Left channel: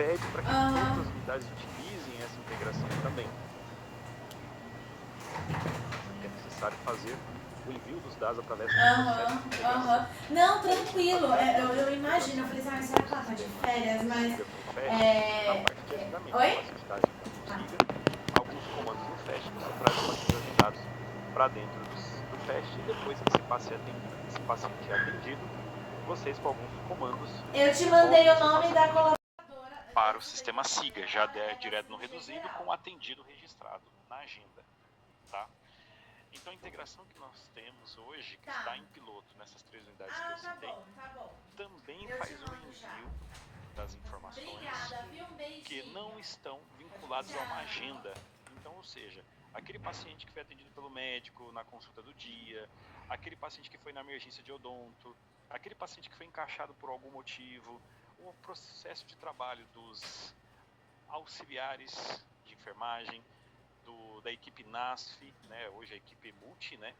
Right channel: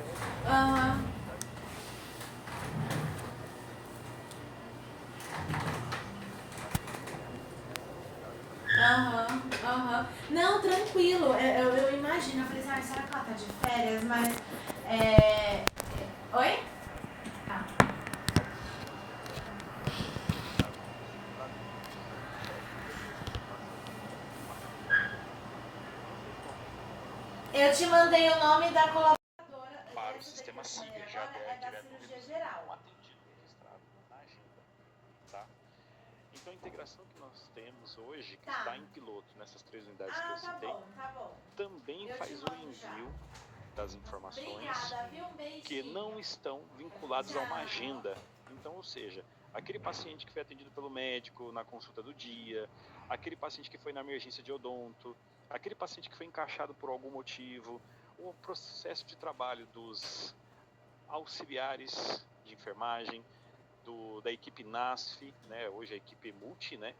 pede para que todas as unidades utilizem essa integração também. É necessário fazer o envio dos dados através do processo de integração. Não, tranquilo. Eu imagino, eu falei assim, será que ela tá de férias? Mas. Oi? Alguns comandos no fast, você traz uma bandeja de dados para dentro do fast e depois que esse paciente é atendido, vocês com alguns comandos. Eu te mandei o nome da colaboradora. Para o sistema SIGA, já direto no reduzido, com atendido registrado na agenda. Tá? Então a integração que nós temos hoje, que está em piloto nessas 3 unidades que eu citei, também faz o envio das informações que não estão vinculadas a uma agenda. Então, ou seja, aquele paciente que foi atendido pelo médico na consulta do dia, aquele paciente que foi na emergência de odonto, aquele paciente que foi encaixado por algum motivo, o processo de trabalho dos auxiliares de enfermagem, da equipe NASF, né, hoje a equipe multi, né?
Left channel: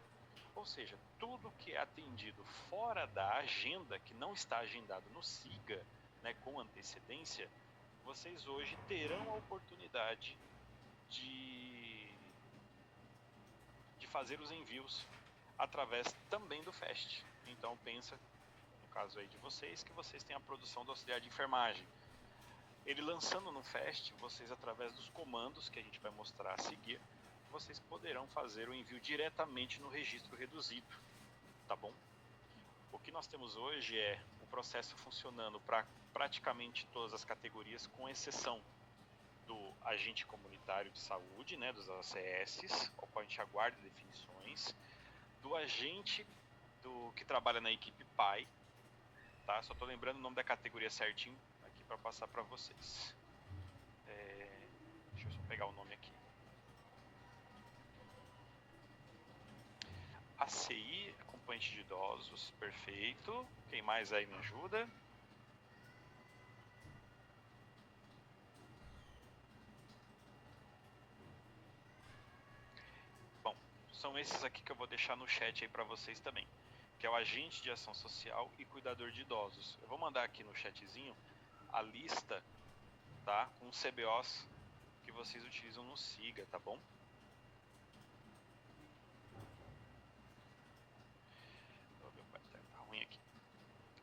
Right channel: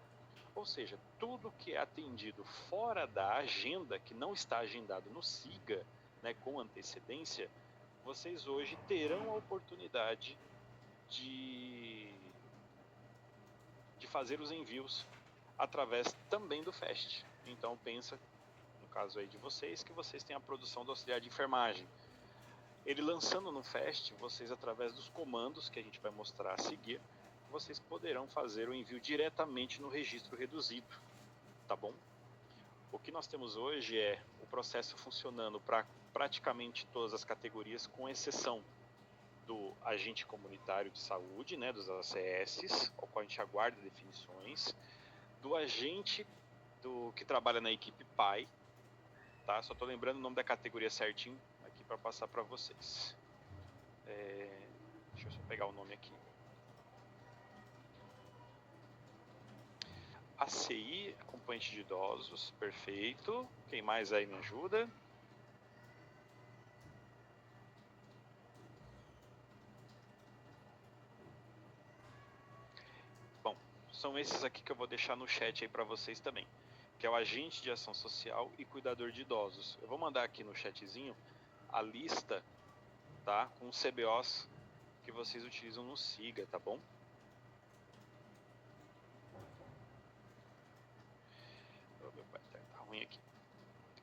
Ou seja, tudo que é atendido fora da agenda, que não está agendado no SIGA, né, com antecedência, vocês hoje terão a oportunidade de fazer os envios através também do FAST. Então pensa, no caso aí de vocês, que vocês têm a produção do auxiliar de enfermagem. Ele lançando no FAST, vocês através dos comandos que a gente vai mostrar a seguir, vocês poderão fazer o envio diretamente no registro reduzido, tá bom? O que nós temos hoje é o processo funcionando para praticamente todas as categorias, com exceção do agente comunitário de saúde, né, dos ACS, ao qual a gente aguarda definições, do agente que trabalha na equipe PAI, tá? Só estou lembrando o nome da categoria certinho aqui para passar para vocês. Deixa eu só pegar o nome aqui. ACI, acompanhante de idosos, perfeito. Quem mais aí me ajuda? Bom, são esses aqui que eu vou deixar no chat aí para vocês também, que é o agente de ação social e cuidador de idosos. Eu vou mandar aqui no chatzinho a lista, tá, com os CBOs que vocês utilizam no SIGA, tá bom? Tá ruim aqui.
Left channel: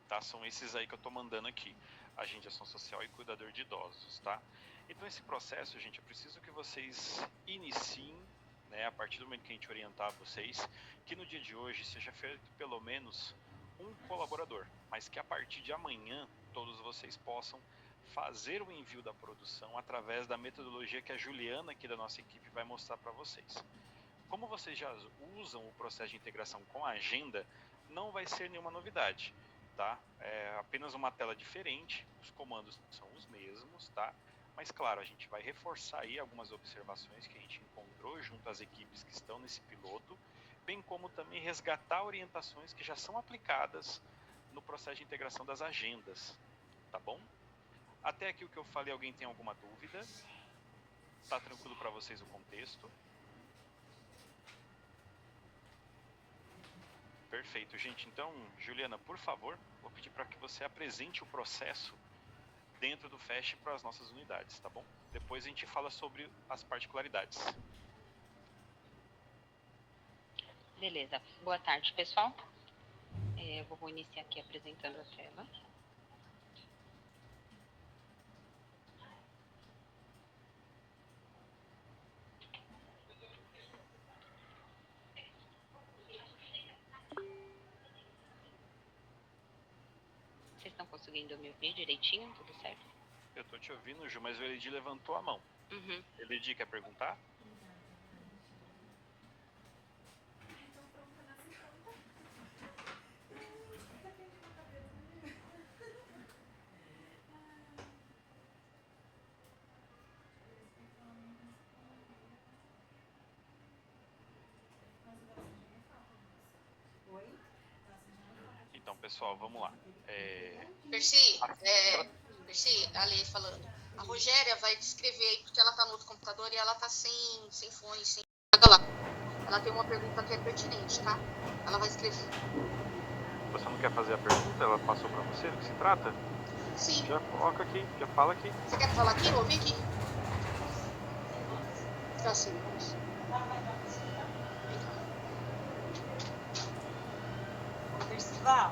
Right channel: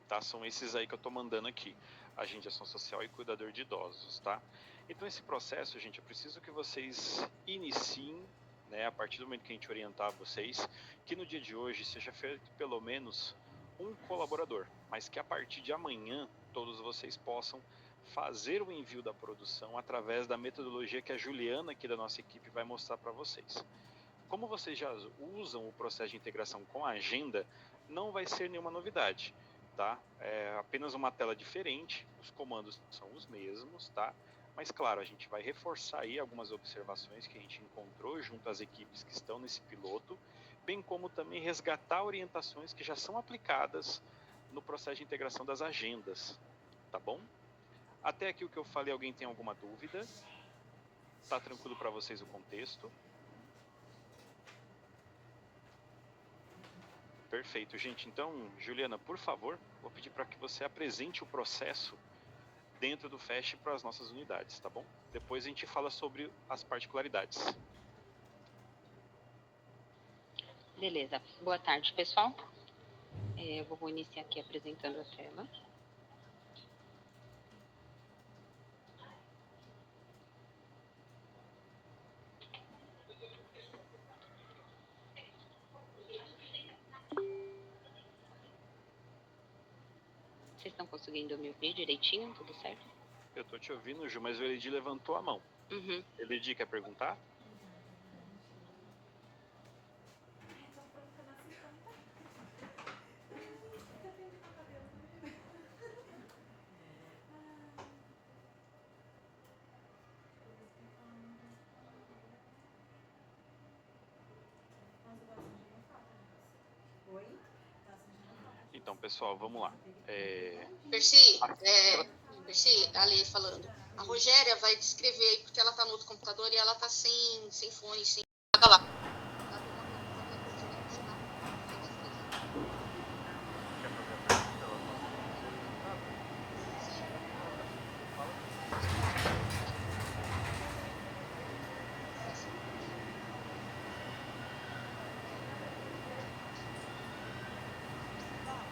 Tá, são esses aí que eu tô mandando aqui, agente de ação social e cuidador de idosos, tá? Então esse processo, gente, eu preciso que vocês iniciem, né, a partir do momento que a gente orientar vocês, que no dia de hoje seja feito pelo menos um colaborador, mas que a partir de amanhã todos vocês possam fazer o envio da produção através da metodologia que a Juliana aqui da nossa equipe vai mostrar para vocês. Como vocês já usam o processo de integração com a agenda, não vai ser nenhuma novidade, tá? É apenas uma tela diferente, os comandos são os mesmos, tá? Mas claro, a gente vai reforçar aí algumas observações que a gente encontrou junto às equipes que estão nesse piloto, bem como também resgatar orientações que já são aplicadas no processo de integração das agendas, tá bom? Até aqui o que eu falei, alguém tem alguma dúvida? Tá tranquilo para vocês o contexto? Perfeito, gente. Então, Juliana, por favor, vou pedir para que você apresente o processo dentro do FAST para as nossas unidades, tá bom? Depois a gente fala sobre as particularidades. Beleza. Boa tarde, pessoal. Eu vou iniciar aqui apresentando a tela. Vocês estão conseguindo me ouvir direitinho? Tudo certo? Eu tô te ouvindo, Ju, mas o Elidi levantou a mão. Elidi, quer perguntar? Então, pessoal, vamos lá. Percy, Ali falando. A Rogéria vai descrever aí, porque ela tá no outro computador e ela tá sem fone, sem nada lá. Ela tem uma pergunta que é pertinente, tá? Ela vai escrever. Você não quer fazer a pergunta? Ela passou para você do que se trata? Sim. Já coloca aqui, já fala aqui. Você quer falar aqui? Ouvi aqui. Tá sim. Percival,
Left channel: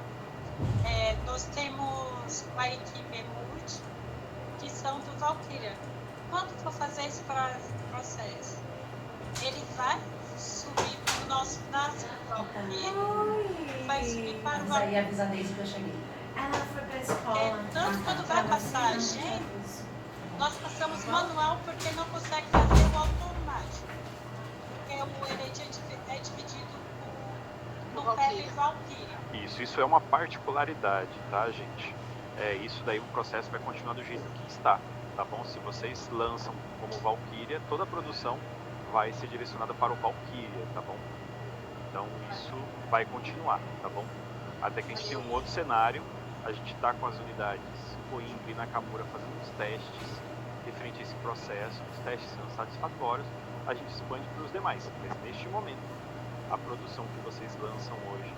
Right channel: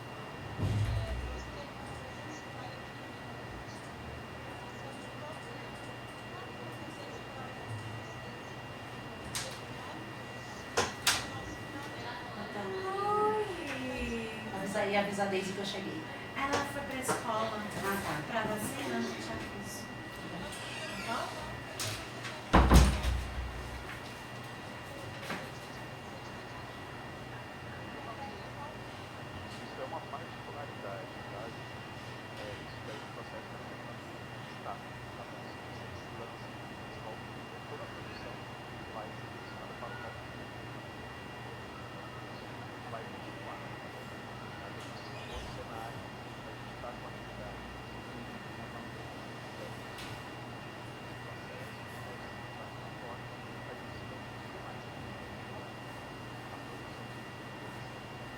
nós temos uma equipe multi que são do Valkyria. Quando for fazer esse processo, ele vai subir para o nosso braço do Valkyria, vai subir para o Mas aí Valkyria. avisa a Daisy que eu cheguei. Ela foi pra escola. Tanto quando vai passar a vacina, gente, nós passamos manual porque não consegue fazer o automático. Porque o Elite é dividido no pele e Valkyria. Isso é uma particularidade, tá, gente? Isso daí, o processo vai continuar do jeito que está, tá bom? Se vocês lançam como Valkyria, toda a produção vai ser direcionada para o Valkyria, tá bom? Então, isso vai continuar, tá bom? Até que a gente tem um outro cenário, a gente está com as unidades Coimbra e Nakamura fazendo os testes referente a esse processo, os testes sendo satisfatórios, a gente expande para os demais. Mas neste momento, a produção que vocês lançam hoje,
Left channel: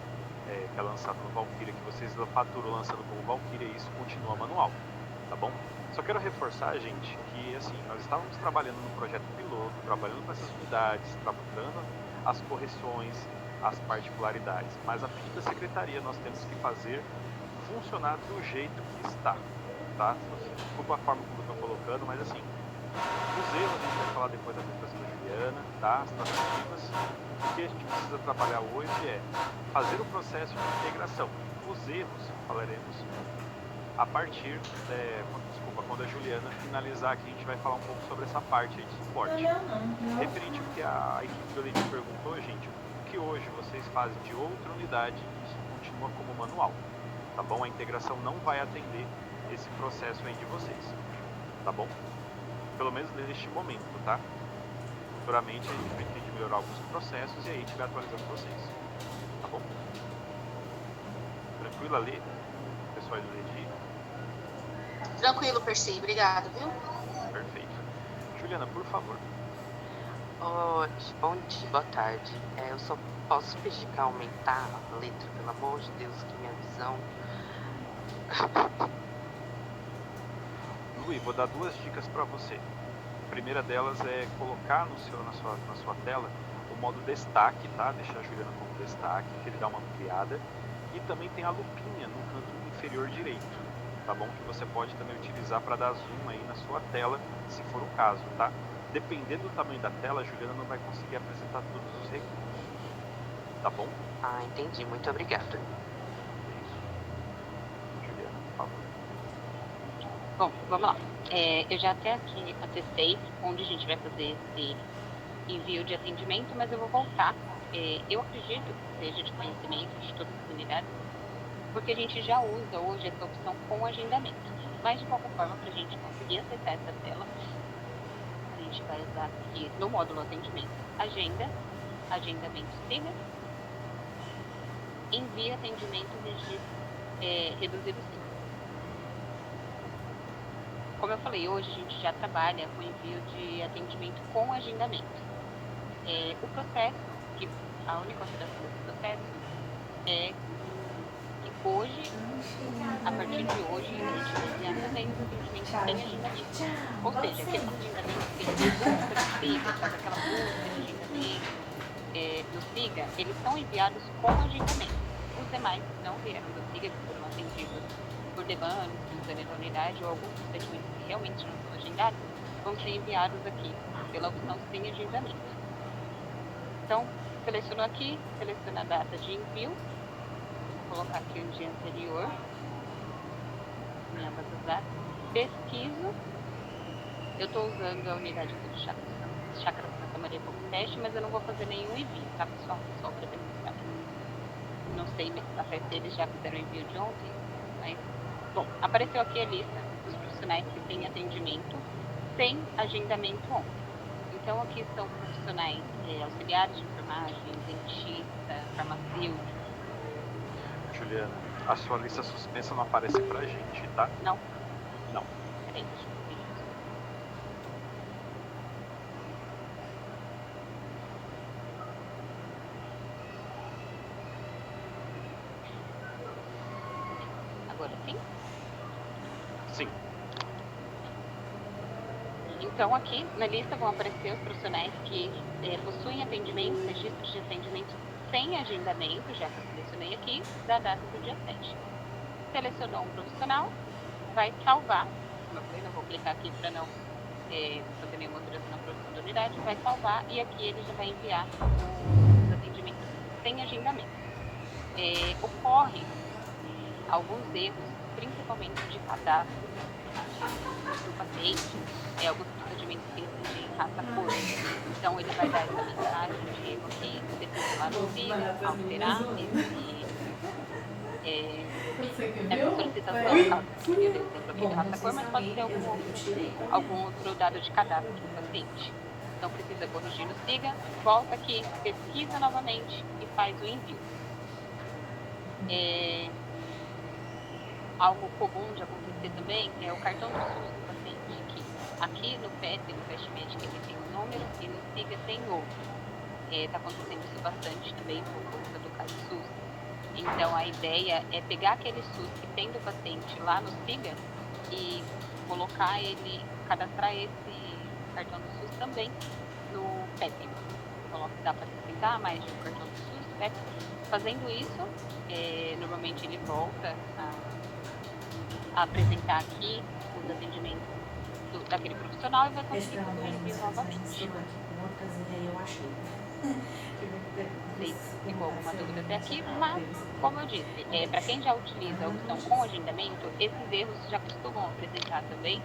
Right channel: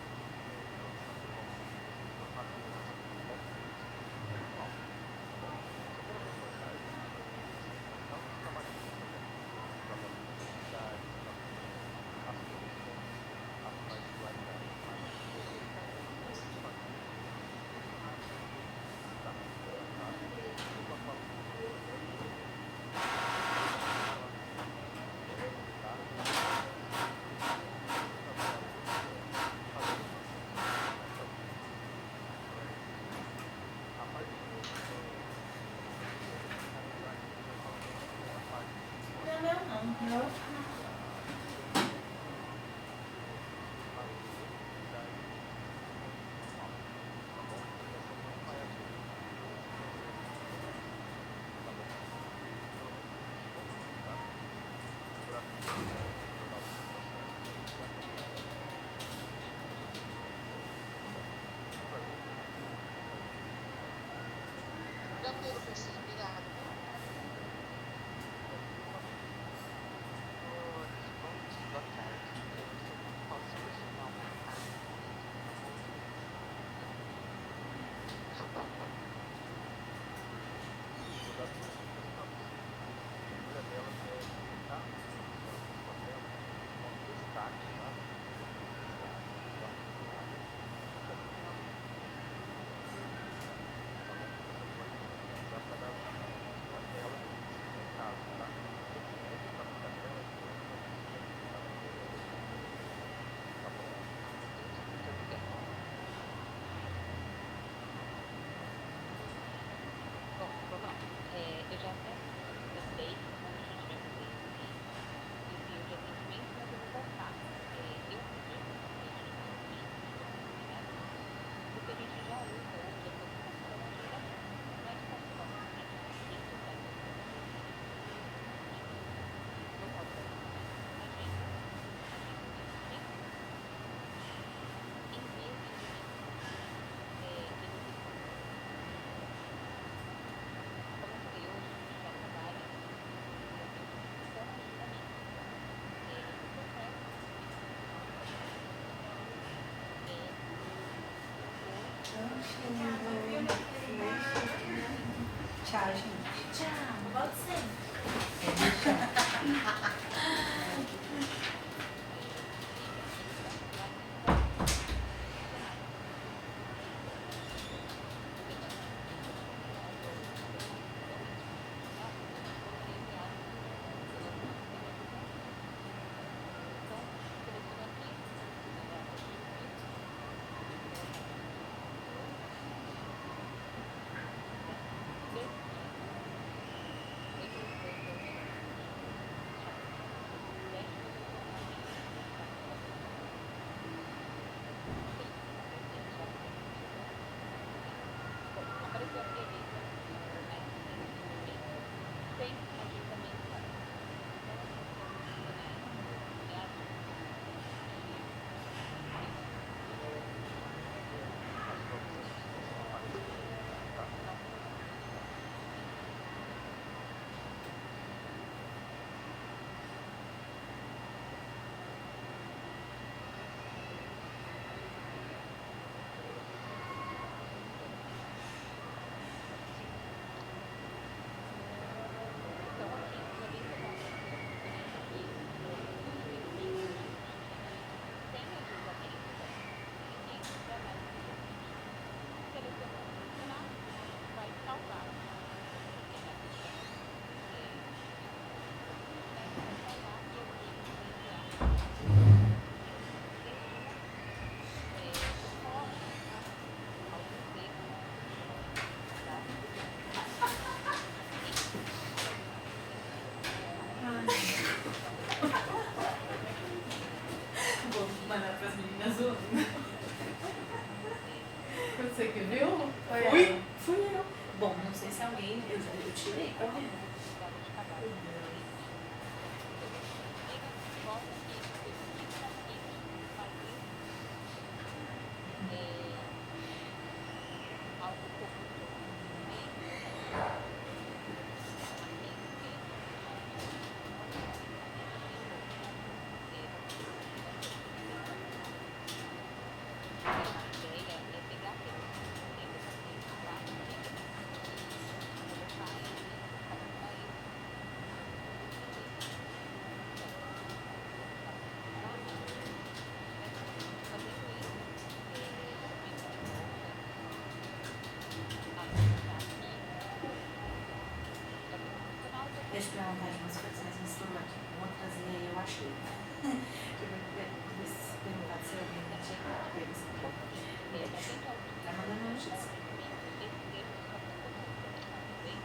que é lançado no Valkyria, que vocês faturam lançando como Valkyria, isso continua manual, tá bom? Só quero reforçar, gente, que assim, nós estávamos trabalhando no projeto piloto, trabalhando com essas unidades, trabalhando as correções, as particularidades, mas a fim da secretaria nós temos que fazer funcionar do jeito que está, tá? Desculpa a forma como eu estou colocando, mas assim, os erros, a gente vai falar depois da professora Juliana, tá? As narrativas. O que a gente precisa trabalhar hoje é fazer o processo de integração. Os erros, falaremos a partir, quando a Juliana finalizar aqui, a gente vai falar um pouco sobre essa parte aí de suporte. Não. Referente ao que a equipe do Elite perguntou, gente, o que hoje vocês fazem de outra unidade, isso continua como manual, tá bom? A integração não vai atender esse processo aí de vocês, tá bom? Pelo menos neste momento, tá? Futuramente a gente vai ter que melhorar alguns processos e aí a gente vai atualizando vocês, tá bom? Tranquilo ali, pessoal do Regi? Tranquilo, Percy. Obrigado, viu? Perfeito. Juliana, por favor. Oi, bom dia, boa tarde. Eu só posso pedir para aumentar a letra, pelo amor de Deus, que minha visão. Lui, vou dar duas dicas para você. A primeira delas é colocar na sua tela o modo destaque, tá? Deixar a Juliana como destaque, que ele dá uma ampliada. E também tem a lupinha no canto inferior direito, tá bom? Que você pode também utilizar para dar zoom aí na sua tela, se for o caso, tá? Dependendo do tamanho da tela, a Juliana não vai conseguir apresentar todos os recursos, tá bom? Ah, entendi. Muito obrigada. Juliana, por favor. Bom, vamos lá. Eu já até aqui acessei onde a gente vai fazer esse envio de atendimento, mas eu vou voltar. Eu acredito que seja de conhecimento de todas as unidades, porque a gente já usa hoje essa opção com agendamento. Mas, de qualquer forma, para a gente conseguir acessar essa tela, a gente vai usar aqui no módulo atendimento, agenda, agendamento siga, envia atendimento reduzido siga. Como eu falei, hoje a gente já trabalha com envio de atendimento com agendamento. O processo, a única alteração desse processo é que hoje, a partir de hoje, a gente vai enviar também o atendimento sem agendamento. Ou seja, aquele atendimento do SIGA, eles são enviados com agendamento. Os demais não virão do SIGA, que foram atendidos por demanda, simultânea da unidade ou alguns procedimentos que realmente não são agendados, vão ser enviados aqui pela opção sem agendamento. Então, seleciono aqui, seleciono a data de envio, vou colocar aqui o dia anterior, pesquiso, eu estou usando a unidade do Chácara Santa Maria como teste, mas eu não vou fazer nenhum envio, tá, pessoal? Só para demonstrar. Não sei se eles já fizeram o envio de ontem, mas, bom, apareceu aqui a lista dos profissionais que têm atendimento sem agendamento on. Então, aqui são profissionais auxiliares de enfermagem, dentista, farmacêutico. Juliana, a sua lista suspensa não aparece pra gente, tá? Não. Não. Peraí. Agora sim. Então, aqui na lista vão aparecer os profissionais que possuem atendimento, registros de atendimento sem agendamento, já que eu selecionei aqui, da data do dia 7. Selecionou um profissional, vai salvar. Eu vou clicar aqui para não fazer nenhuma alteração na unidade, vai salvar e aqui ele já vai enviar os atendimentos sem agendamento. Ocorre alguns erros, principalmente de cadastro do paciente, alguns procedimentos que ele raça cor. Então ele vai dar essa mensagem de que você precisa alterar essa solicitação, mas pode ter algum outro dado de cadastro do paciente. Então precisa corrigir no SIGA, volta aqui, pesquisa novamente e faz o envio. Algo comum de acontecer também é o cartão do SUS do paciente aqui no PET, no Fast Medic, ele tem um número e no SIGA tem outro. Está acontecendo isso bastante também por conta do caso SUS. Então a ideia é pegar aquele SUS que tem do paciente lá no SIGA e colocar ele, cadastrar esse cartão do SUS também no PEP. Então dá para explicar mais do cartão do SUS, PEP. Fazendo isso, normalmente ele volta a apresentar aqui os atendimentos daquele profissional e vai conseguir fazer o envio novamente. Eu achei. Ficou alguma dúvida até aqui, mas, como eu disse, para quem já utiliza a opção com agendamento, esses erros já costumam apresentar também,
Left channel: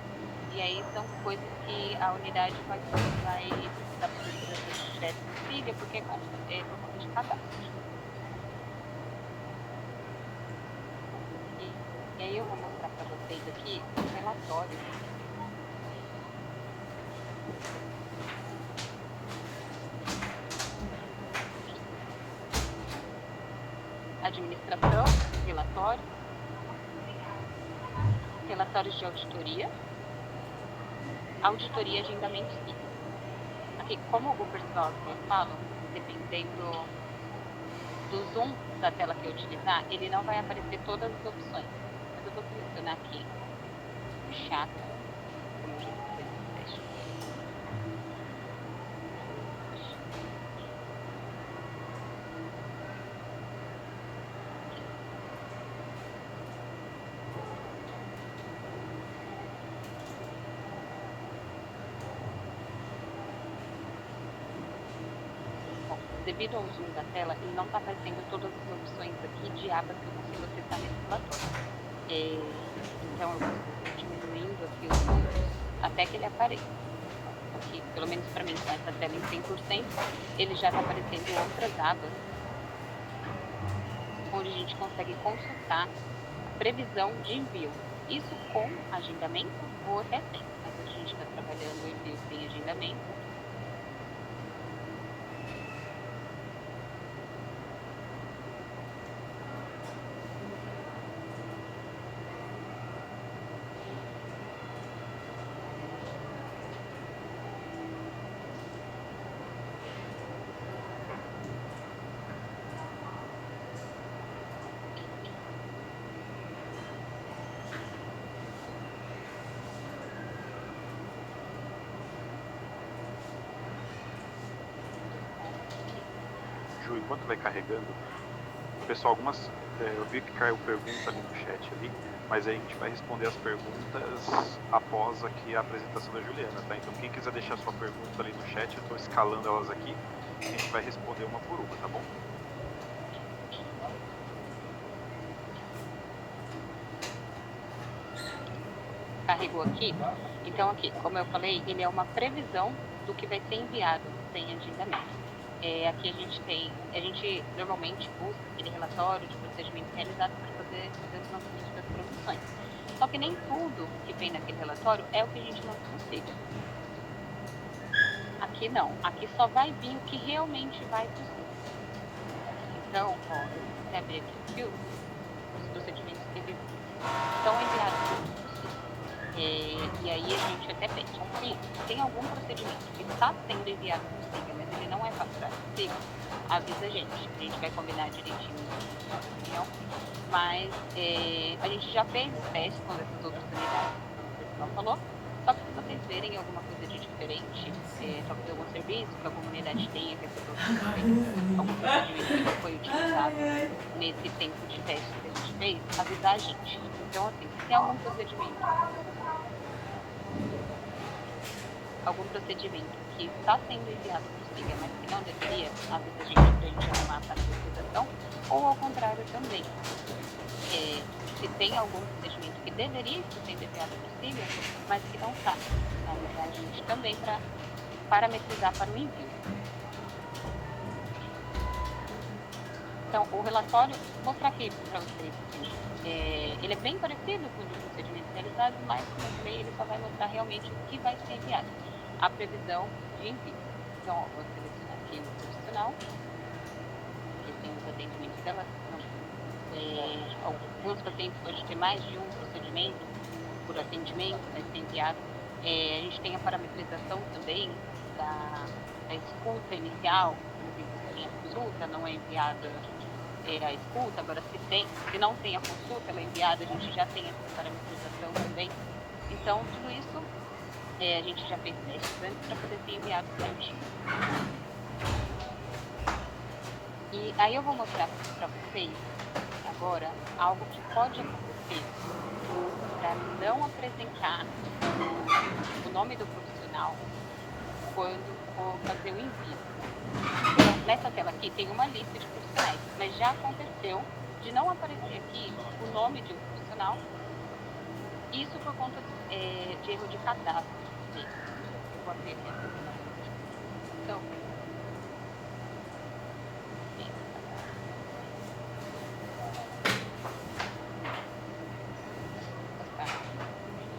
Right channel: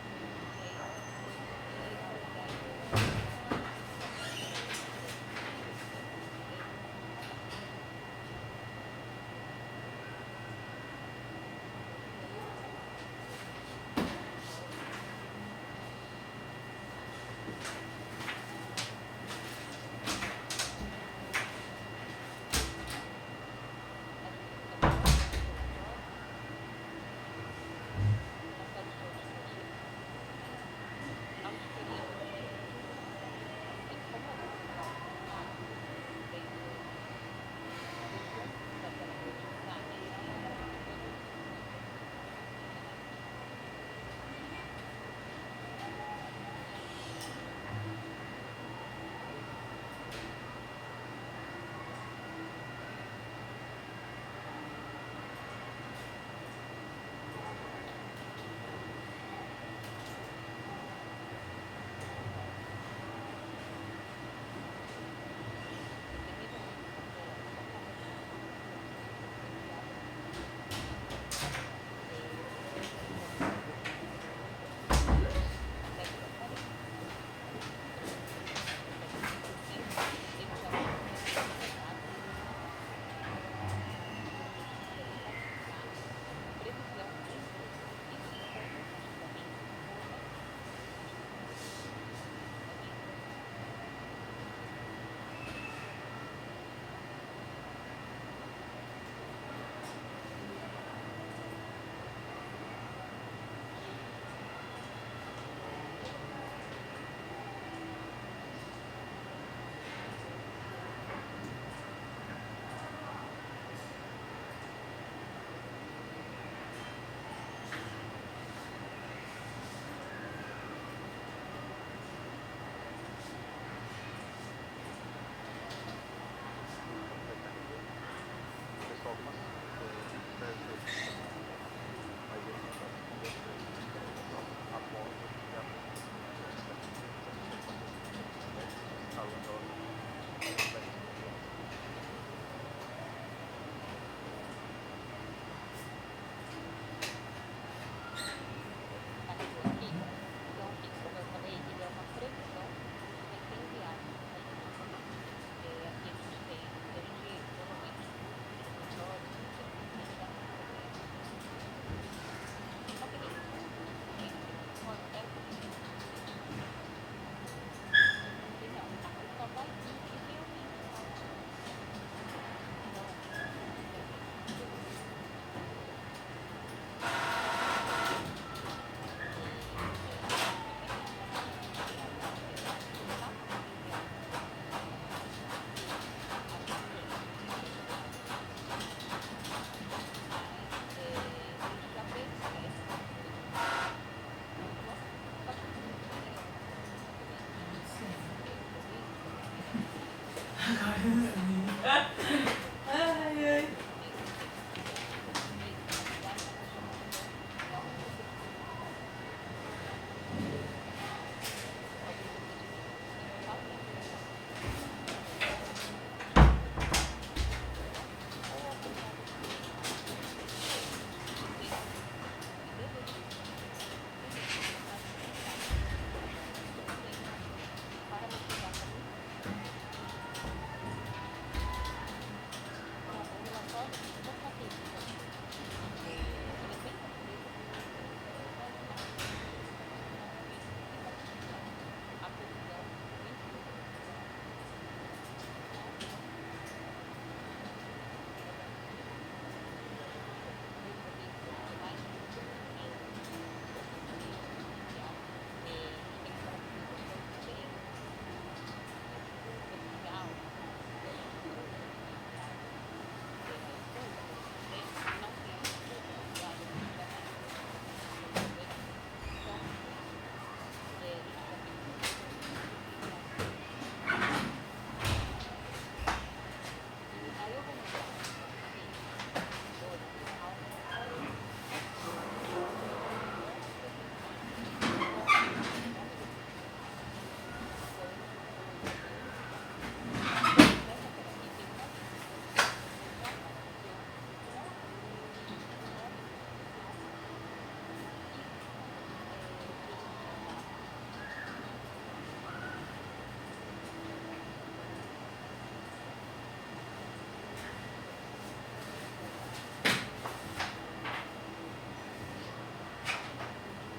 e aí são coisas que a unidade vai dar para o direto no SIGA, porque é por conta de cadastro. E aí eu vou mostrar para vocês aqui um relatório. Administração, relatórios de auditoria, auditoria e agendamento SIGA. Aqui, como o pessoal fala, dependendo do zoom da tela que eu utilizar, ele não vai aparecer todas as opções. Eu vou selecionar aqui chakra. Devido ao zoom da tela, ele não está aparecendo todas as opções aqui de abas que eu consigo acessar nesse relatório. Então, eu vou diminuindo aqui os números até que ele apareça. E, pelo menos para mim, com essa tela em 100%, ele já está aparecendo em outras abas, onde a gente consegue consultar previsão de envio. Isso com agendamento ou até sem. A gente está trabalhando o envio sem agendamento. Enquanto vai carregando, pessoal, eu vi que caiu pergunta ali no chat ali, mas aí a gente vai responder as perguntas após aqui a apresentação da Juliana, tá? Então quem quiser deixar sua pergunta ali no chat, eu estou escalando elas aqui, e a gente vai responder uma por uma, tá bom? Carregou aqui? Então aqui, como eu falei, ele é uma previsão do que vai ser enviado sem agendamento. Aqui a gente normalmente busca aquele relatório de procedimento realizado para fazer os lançamentos das produções. Só que nem tudo que vem naquele relatório é o que a gente não precisa. Aqui não, aqui só vai vir o que realmente vai precisar. Então, ó, você abrir aqui os procedimentos que eles são enviados. E aí a gente até pensa, aqui tem algum procedimento que está sendo enviado, mas ele não é passado. Avisa a gente vai combinar direitinho, não? Mas a gente já fez testes com essas outras unidades, como o pessoal falou, só para vocês verem alguma coisa de isso, que a comunidade tenha algum procedimento que foi utilizado nesse tempo de teste que a gente fez, avisar a gente. Então, assim, se tem algum procedimento que está sendo enviado para o SIGA, mas que não deveria, avisa a gente para a gente arrumar para a fiscalização, ou ao contrário também. Se tem algum procedimento que deveria estar sendo enviado para o SIGA, mas que não está, avisar a gente também para parametrizar para o envio. Então, o relatório, vou mostrar aqui para vocês. Ele é bem parecido com os procedimentos realizados, mas ele só vai mostrar realmente o que vai ser enviado. A previsão de envio. Então, ó, vou selecionar aqui o profissional. Ele tem os atendimentos dela. Alguns pacientes podem ter mais de um procedimento por atendimento, vai ser enviado. A gente tem a parametrização também da escuta inicial, a consulta não é enviada a escuta, agora se não tem a consulta, ela é enviada, a gente já tem essa parametrização também. Então, tudo isso a gente já fez testes antes para poder ser enviado para a gente. E aí eu vou mostrar para vocês agora algo que pode acontecer para não apresentar o nome do profissional quando for fazer o envio. Nessa tela aqui tem uma lista de profissionais, mas já aconteceu de não aparecer aqui o nome de um profissional, isso por conta de erro de cadastro. Vou abrir aqui. Então,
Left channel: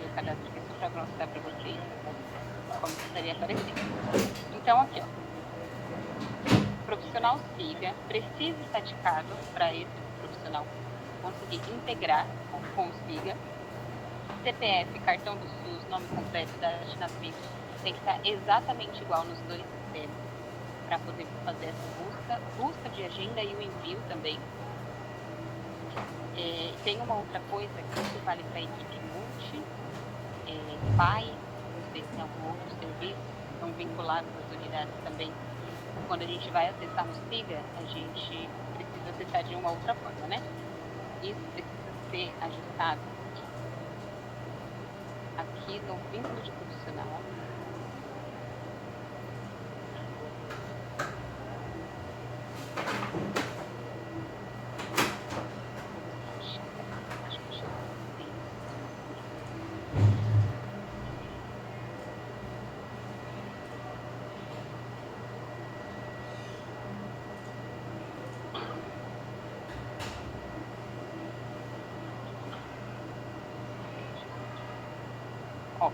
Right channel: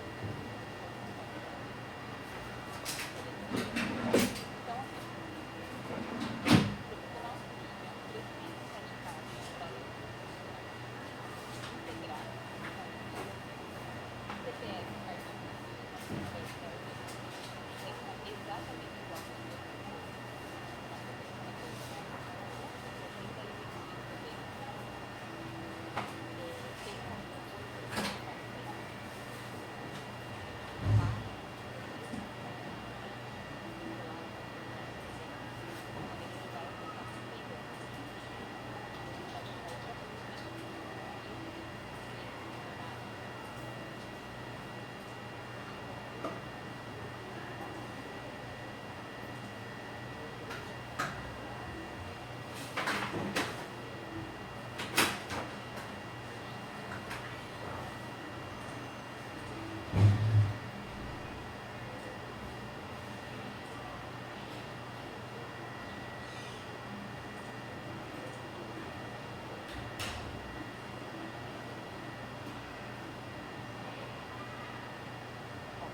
o cadastro para mostrar para vocês como estaria aparecendo. Então, aqui, ó. Profissional SIGA precisa estar indicado para esse profissional conseguir integrar com o SIGA. CPF, cartão do SUS, nome completo, data de nascimento, tem que estar exatamente igual nos dois sistemas para poder fazer essa busca de agenda e o envio também. Tem uma outra coisa que vale para a equipe multi, pai, vocês não vão estão vinculados às unidades também. Quando a gente vai acessar o SIGA, a gente precisa acessar de uma outra forma, né? Isso precisa ser ajustado aqui no vínculo de profissional.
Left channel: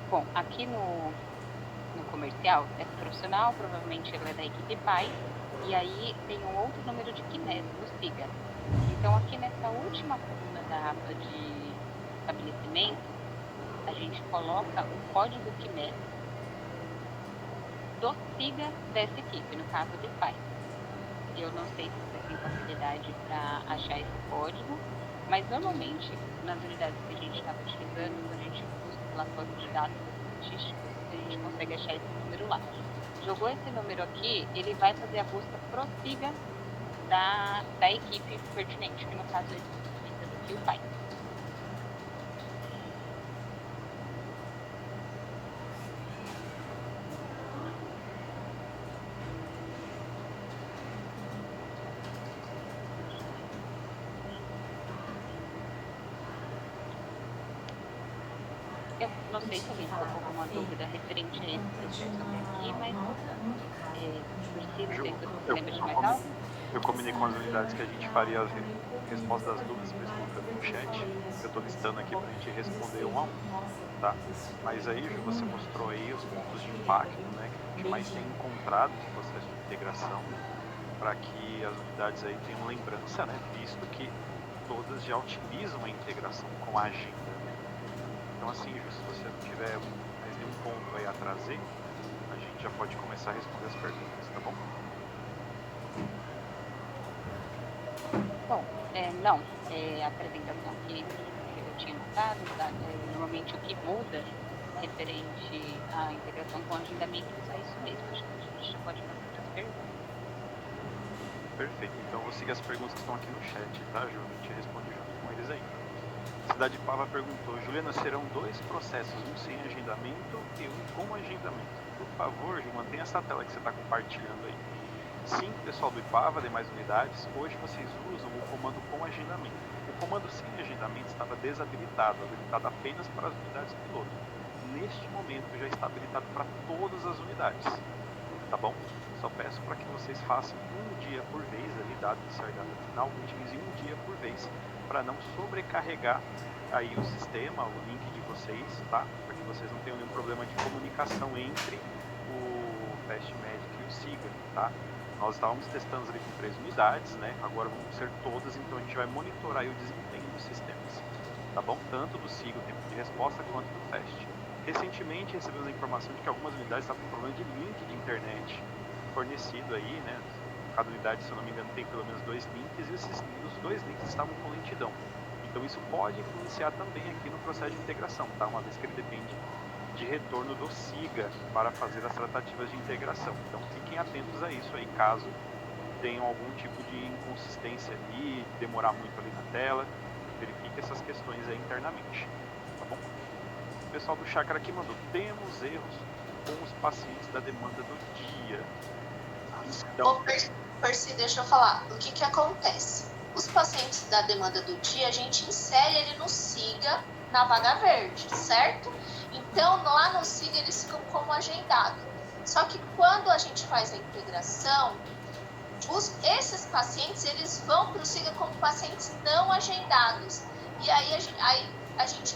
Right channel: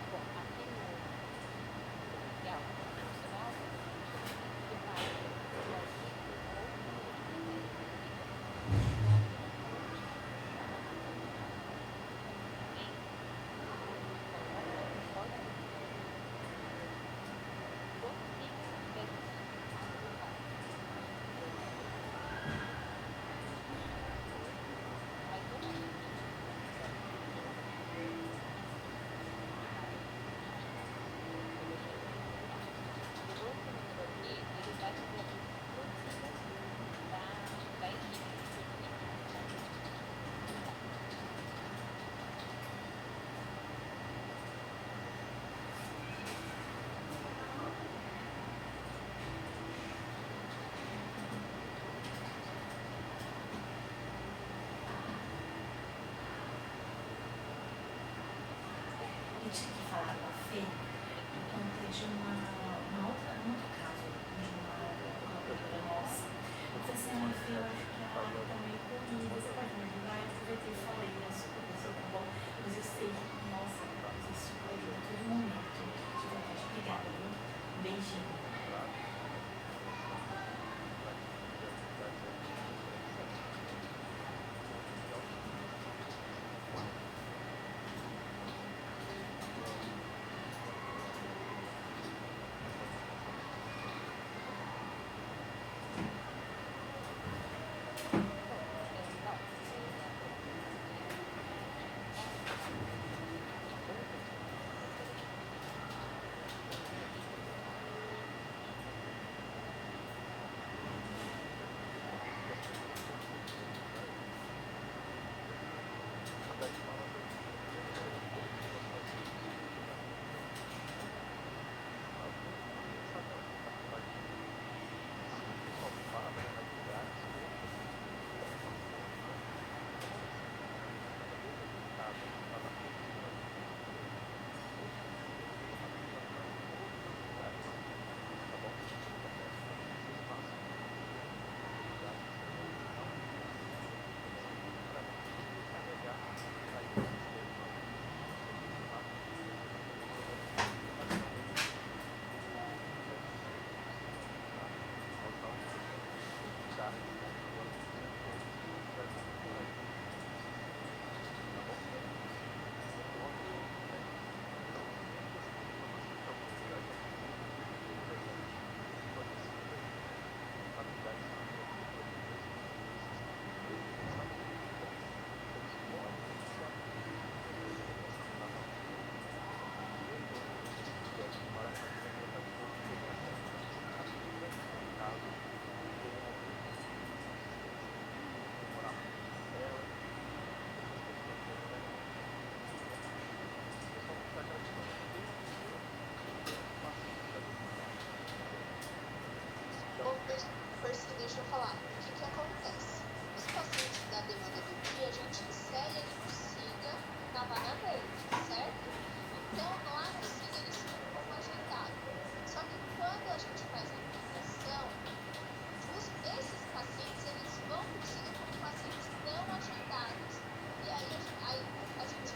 Bom, aqui no comercial é profissional, provavelmente ele é da equipe pai, e aí tem um outro número de QNES do SIGA. Então aqui nessa última coluna da aba de estabelecimento, a gente coloca o código QNES do SIGA dessa equipe, no caso de pai. Eu não sei se você tem facilidade para achar esse código, mas normalmente nas unidades que a gente estava utilizando, a gente relatório de dados estatísticos, a gente consegue achar esse número lá. Jogou esse número aqui, ele vai fazer a busca pro SIGA da equipe pertinente, que no caso é o pai. Não sei se alguém tem alguma dúvida referente a esse aqui, mas precisa ter você lembra de mais algo? Eu combinei com as unidades que a gente faria as respostas às dúvidas no chat. Eu estou listando aqui para a gente responder um a um, tá? Mas aí você mostrou aí os pontos de impacto, né? Que mais tem encontrado no processo de integração, para que as unidades aí tenham lembrança, né? Visto que todas já utilizam a integração com a agenda. Então, assim, se você não tiver nenhum ponto aí a trazer, a gente já pode começar a responder as perguntas, tá bom? Bom, não, a apresentação que eu tinha dado, tá? Normalmente o que muda referente à integração com o agendamento é isso mesmo. Acho que a gente pode Perfeito. Então eu vou seguir as perguntas que estão aqui no chat, tá, Ju? A gente responde junto com eles aí. Cidade Pava perguntou, Juliana, serão 2 processos, um sem agendamento e um com agendamento. Por favor, Ju, mantenha essa tela que você está compartilhando aí. Sim, pessoal do IPAVA, demais unidades, hoje vocês usam o comando com agendamento. O comando sem agendamento estava desabilitado, habilitado apenas para as unidades piloto. Neste momento já está habilitado para todas as unidades, tá bom? Só peço para que vocês façam um dia por vez, ali dado que sair da final, utilize um dia por vez, para não sobrecarregar aí o sistema, o link de vocês, tá? Para que vocês não tenham nenhum problema de comunicação entre o teste médico e o SIGA, tá? Nós estávamos testando ali com 3 unidades, né? Agora vão ser todas, então a gente vai monitorar aí o desempenho dos sistemas, tá bom? Tanto do SIGA, o tempo de resposta, quanto do teste. Recentemente recebemos a informação de que algumas unidades estavam com problema de link de internet fornecido aí, né? Cada unidade, se eu não me engano, tem pelo menos 2 links e os 2 links estavam com lentidão. Então isso pode influenciar também aqui no processo de integração, tá? Uma vez que ele depende de retorno do SIGA para fazer as tratativas de integração. Então fiquem atentos a isso aí, caso tenham algum tipo de inconsistência ali, demorar muito ali na tela, verifique essas questões aí internamente, tá bom? O pessoal do Chácara aqui mandou, temos erros com os pacientes da demanda do dia. Então, Ô, Percy, deixa eu falar. O que acontece? Os pacientes da demanda do dia, a gente insere ele no SIGA na vaga verde, certo? Então, lá no SIGA eles ficam como agendado. Só que quando a gente faz a integração, esses pacientes eles vão para o SIGA como pacientes não agendados. E aí a gente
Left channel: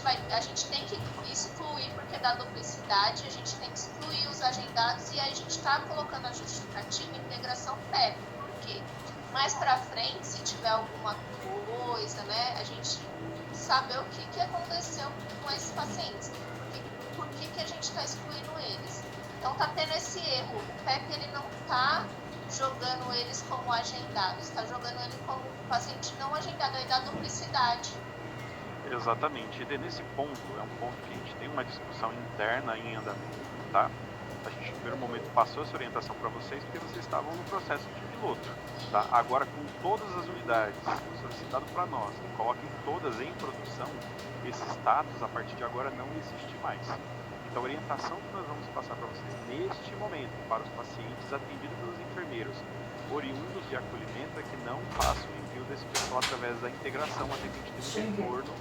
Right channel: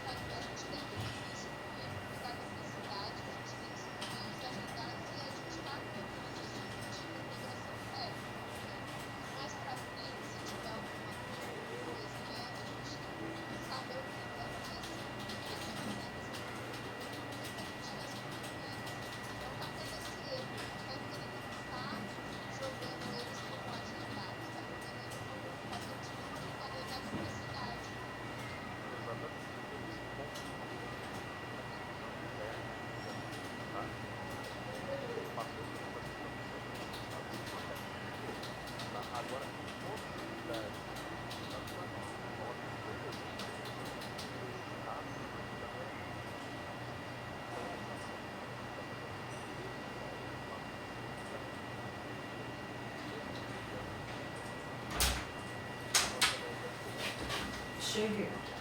tem que excluir, porque da duplicidade, a gente tem que excluir os agendados e aí a gente está colocando a justificativa em integração prévia. Porque mais para frente, se tiver alguma coisa, né, a gente saber o que aconteceu com esses pacientes. Por que a gente está excluindo eles. Então tá tendo esse erro. O PEP ele não está jogando eles como agendados, está jogando ele como paciente não agendado, aí dá duplicidade. Exatamente. E nesse ponto, é um ponto que a gente tem uma discussão interna em andamento, tá? A gente, no primeiro momento, passou essa orientação para vocês, porque vocês estavam no processo de piloto, tá? Agora, com todas as unidades solicitado para nós, coloquem todas em produção, esse status, a partir de agora, não existe mais. Então, a orientação que nós vamos passar para vocês neste momento, para os pacientes atendidos pelos enfermeiros, oriundos de acolhimento, é que não façam o envio desse pessoal através da integração, atendimento de acordo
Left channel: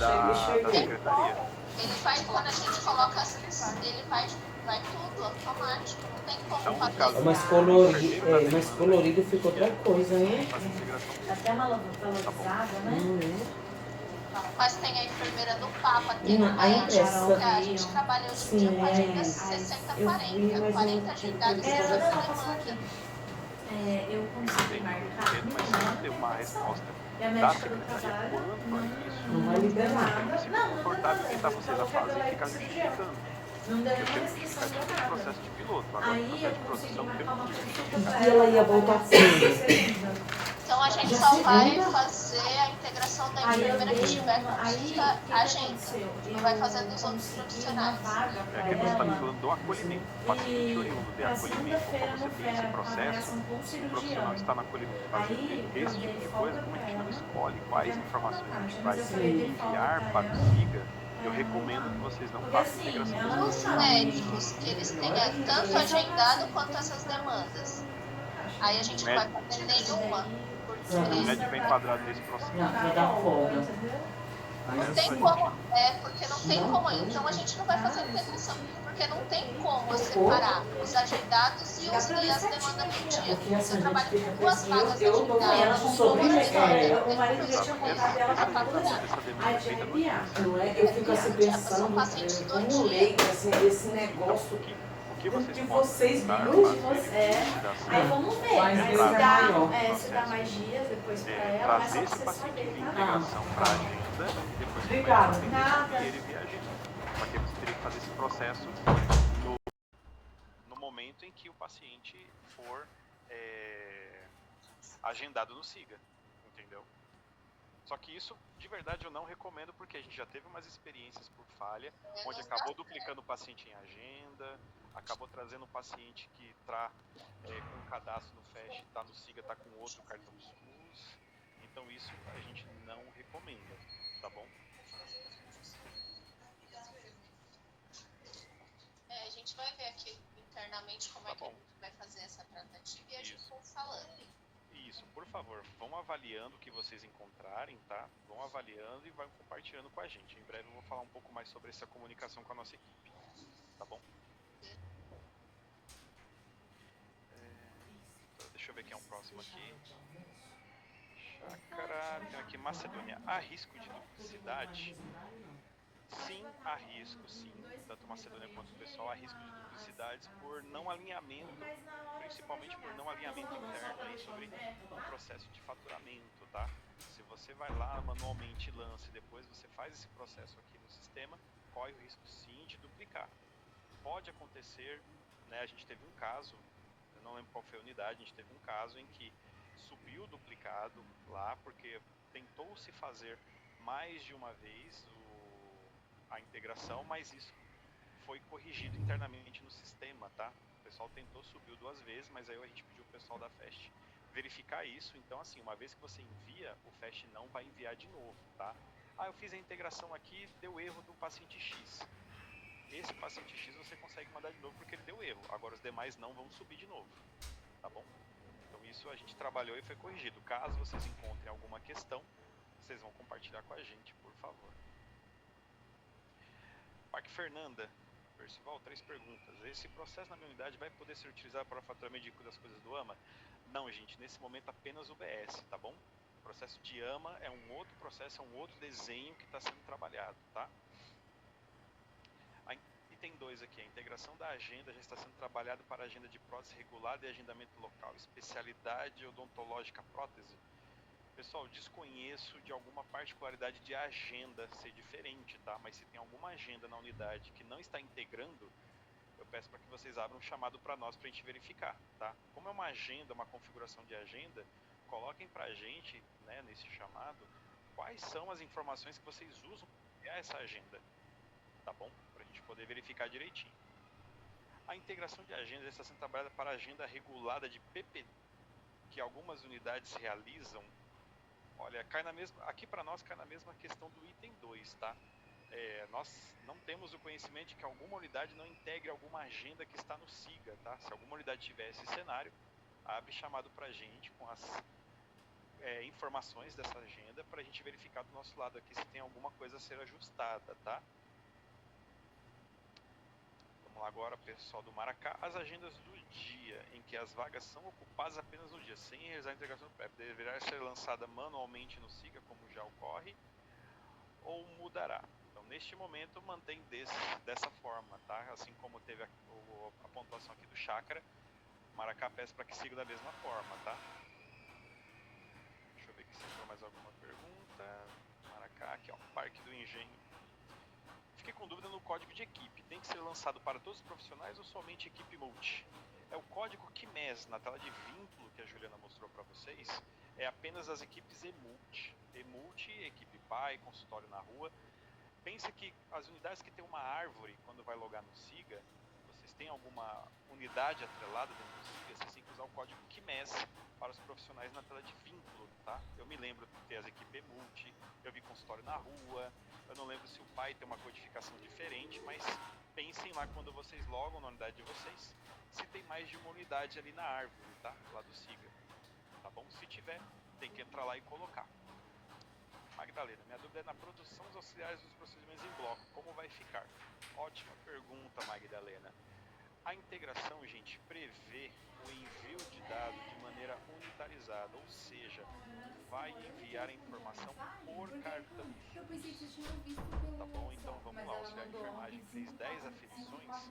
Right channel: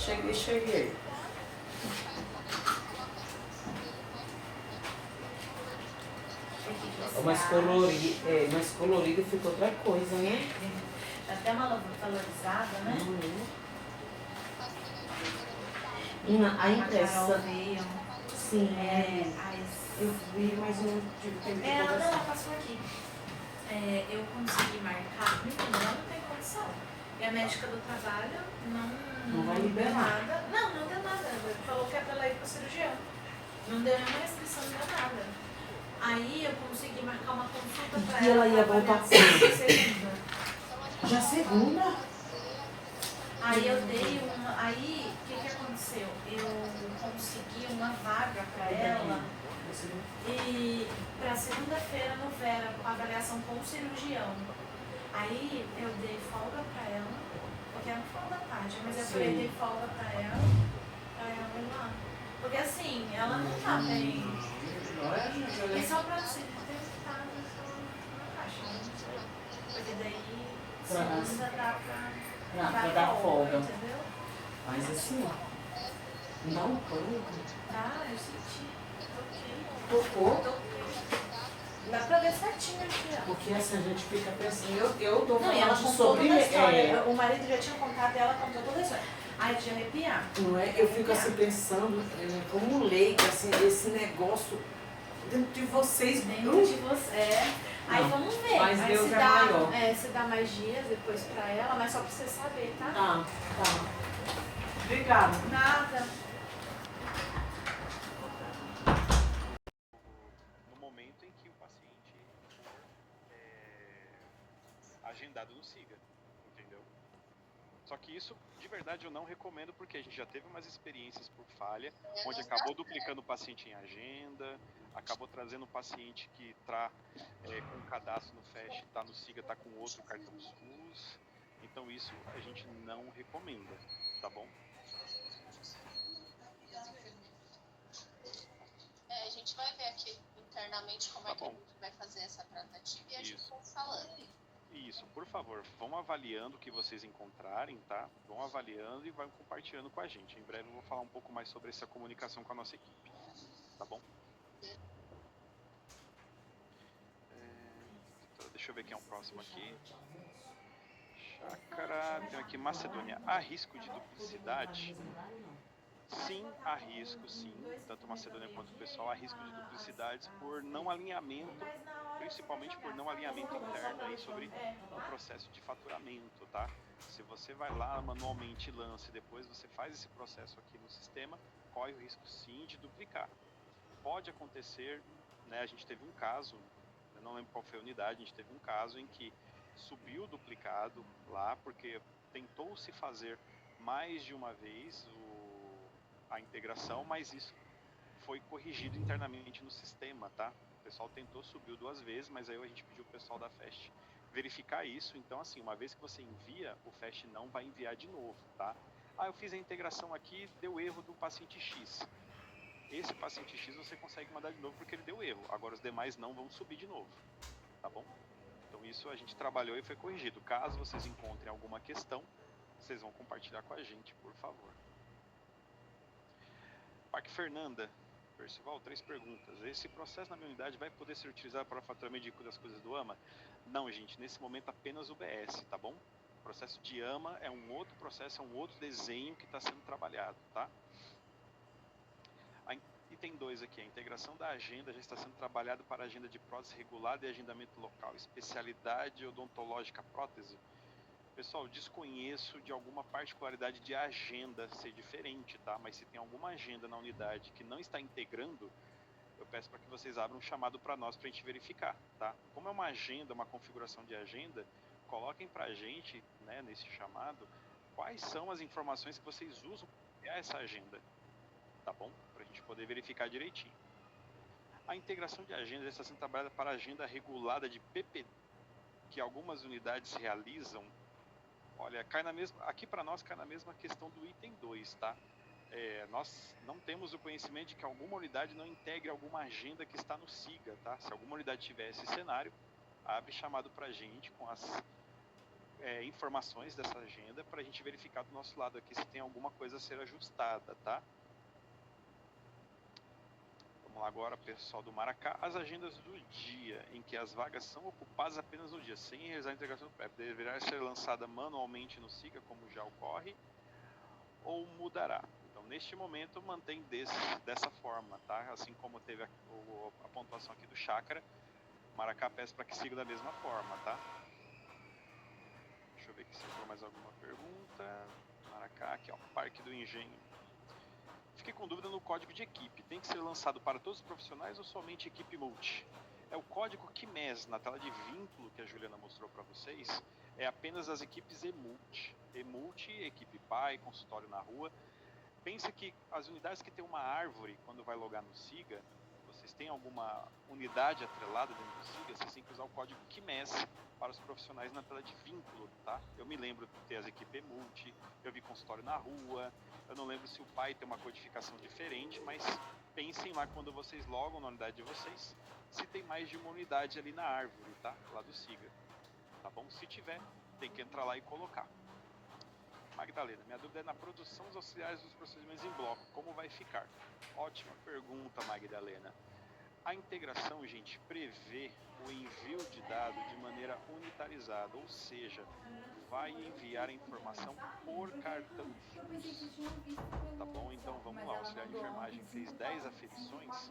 da secretaria. Ele faz, quando a gente coloca assim, ele vai tudo automático, não tem como fazer. Mas colorido ficou outra coisa, né? Até uma valorizada, né? Mas tem a enfermeira do Papa, tem A impressão. a gente trabalhou de Sim, dia, agenda 60, 40, 40 agendados. Ela não passou aqui. Eu consegui marcar Uma resposta. e a médica do trabalho Não vai liberar. não deu nada. Ela falou que ela vai pro cirurgião. Não deu nenhuma restrição, não deu nada. Aí eu consegui marcar uma consulta pra E ela ia voltar segunda. Então a gente Já só vai segunda? fazer a integração da Aí eu enfermeira que dei tiver uma. Aí o consulta, que a gente aconteceu? vai fazer dos outros consegui uma profissionais. vaga pra Depois está ela. falando do acolhimento. E pra segunda-feira no Vera, com a avaliação com o cirurgião. Está na acolhimento. Aí eu Esse dei tipo de folga coisa, pra a gente ela. escolhe quais Porque informações a gente mas vai eu falei, dei folga enviar pra para o ela. SIGA. Eu recomendo que vocês não Porque façam assim, integração ela não Os sabe. médicos, que eles têm tanto agendado quanto essas demandas. Aí a gente não vai fazer nenhuma. O médico é enquadrado nesse processo. Não, vai dar folga. Entendeu? Mas Não tem assim, como, porque não tem Não como. tem. Então a gente não vai fazer integração, porque não tem como separar os agendados e Dá as pra ver demandas certinho do aqui, dia. porque essa Você gente trabalha fica com duas pensando, vagas eu tô Não, e ela falando contou sobre toda a história. é, O marido já tinha contado ela pra toda a história. Aí tinha arrepiar. não é? Eu fico assim pensando, como leiga, assim, esse negócio de vocês De você. Aí vamos ver. Mas Aí Deus se é dá, maior. se dá mais dias depois pra ela, mas só pra você saber, tá? Obrigada. Nada. Nós temos que fazer esse processo no momento em que o paciente for agendado no SIGA, entendeu? Só que isso, de verdade, eu não recomendo, porque a gente já teve umas experiências por falha, onde acabou duplicando o paciente em agenda, acabou trazendo um paciente que está com um cadastro no FAST, está no SIGA, está com outro cartão SUS. Então isso a gente não recomenda, tá bom? A gente vai ver aqui internamente como é que a gente vai fazer essa tratativa e a gente vai falando. Isso, por favor, vão avaliando o que vocês encontrarem, tá? Vão avaliando e vão compartilhando com a gente. Em breve eu vou falar um pouco mais sobre essa comunicação com a nossa equipe, tá bom? Deixa eu ver quem é o próximo aqui. Chácara, tem aqui Macedônia. Há risco de duplicidade? Sim, há risco, sim. Tanto Macedônia quanto o pessoal, há risco de duplicidades por não alinhamento, principalmente por não alinhamento interno aí sobre o processo de faturamento, tá? Se você vai lá manualmente e lança e depois você faz esse processo aqui no sistema, corre o risco sim de duplicar. Pode acontecer, né? A gente teve um caso, eu não lembro qual foi a unidade, a gente teve um caso em que subiu o duplicado lá, porque tentou-se fazer mais de uma vez a integração, mas isso foi corrigido internamente no sistema, tá? O pessoal tentou, subiu 2 vezes, mas aí a gente pediu o pessoal da FAST verificar isso. Então, assim, uma vez que você envia, o FAST não vai enviar de novo, tá? Ah, eu fiz a integração aqui, deu erro do paciente X. Esse paciente X você consegue mandar de novo porque ele deu erro. Agora os demais não vão subir de novo, tá bom? Então isso a gente trabalhou e foi corrigido. Caso vocês encontrem alguma questão, vocês vão compartilhar com a gente, por favor. Parque Fernanda, Percival, 3 perguntas. Esse processo na minha unidade vai poder ser utilizado para o faturamento das coisas do AMA? Não, gente, nesse momento apenas o BS, tá bom? O processo de AMA é um outro processo, é um outro desenho que está sendo trabalhado, tá? Item 2 aqui, a integração da agenda já está sendo trabalhado para a agenda de prótese regulada e agendamento local, especialidade odontológica prótese. Pessoal, desconheço de alguma particularidade de agenda ser diferente, tá? Mas se tem alguma agenda na unidade que não está integrando, eu peço para que vocês abram um chamado para nós para a gente verificar, tá? Como é uma agenda, uma configuração de agenda, coloquem para a gente, né, nesse chamado, quais são as informações que vocês usam para criar essa agenda, tá bom? Para a gente poder verificar direitinho. A integração de agenda já está sendo trabalhada para a agenda regulada de PPD, que algumas unidades realizam. Olha, cai na mesma, aqui para nós cai na mesma questão do item 2, tá? Nós não temos o conhecimento de que alguma unidade não integre alguma agenda que está no SIGA, tá? Se alguma unidade tiver esse cenário, abre chamado para a gente com as informações dessa agenda para a gente verificar do nosso lado aqui se tem alguma coisa a ser ajustada, tá? Vamos lá agora, pessoal do Maracá. As agendas do dia, em que as vagas são ocupadas apenas no dia, sem realizar a integração do PrEP, deverá ser lançada manualmente no SIGA, como já ocorre, ou mudará? Então, neste momento, mantém dessa forma, tá? Assim como teve a pontuação aqui do Chácara, Maracá peço para que siga da mesma forma, tá? Deixa eu ver aqui se entrou mais alguma pergunta. Maracá, aqui ó, Parque do Engenho. Fiquei com dúvida no código de equipe. Tem que ser lançado para todos os profissionais ou somente equipe multi? É o código QMES, na tela de vínculo que a Juliana mostrou para vocês, é apenas as equipes EMulti. EMulti, equipe PAI, consultório na rua. Pense que as unidades que tem uma árvore, quando vai logar no SIGA, vocês têm alguma unidade atrelada dentro do SIGA, vocês têm que usar o código QMES para os profissionais na tela de vínculo, tá? Eu me lembro de ter as equipes multi, eu vi consultório na rua, eu não lembro se o PAI tem uma codificação diferente, mas pensem lá quando vocês logam na unidade de vocês, se tem mais de uma unidade ali na árvore, tá? Lá do SIGA, tá bom? Se tiver, tem que entrar lá e colocar. Magdalena, minha dúvida é na produção dos auxiliares dos procedimentos em bloco, como vai ficar? Ótima pergunta, Magdalena. A integração, gente, prevê o envio de dados de maneira unitarizada, ou seja, vai enviar a informação por cartão SUS. Tá bom? Então vamos lá, o auxiliar de enfermagem fez 10 aferições,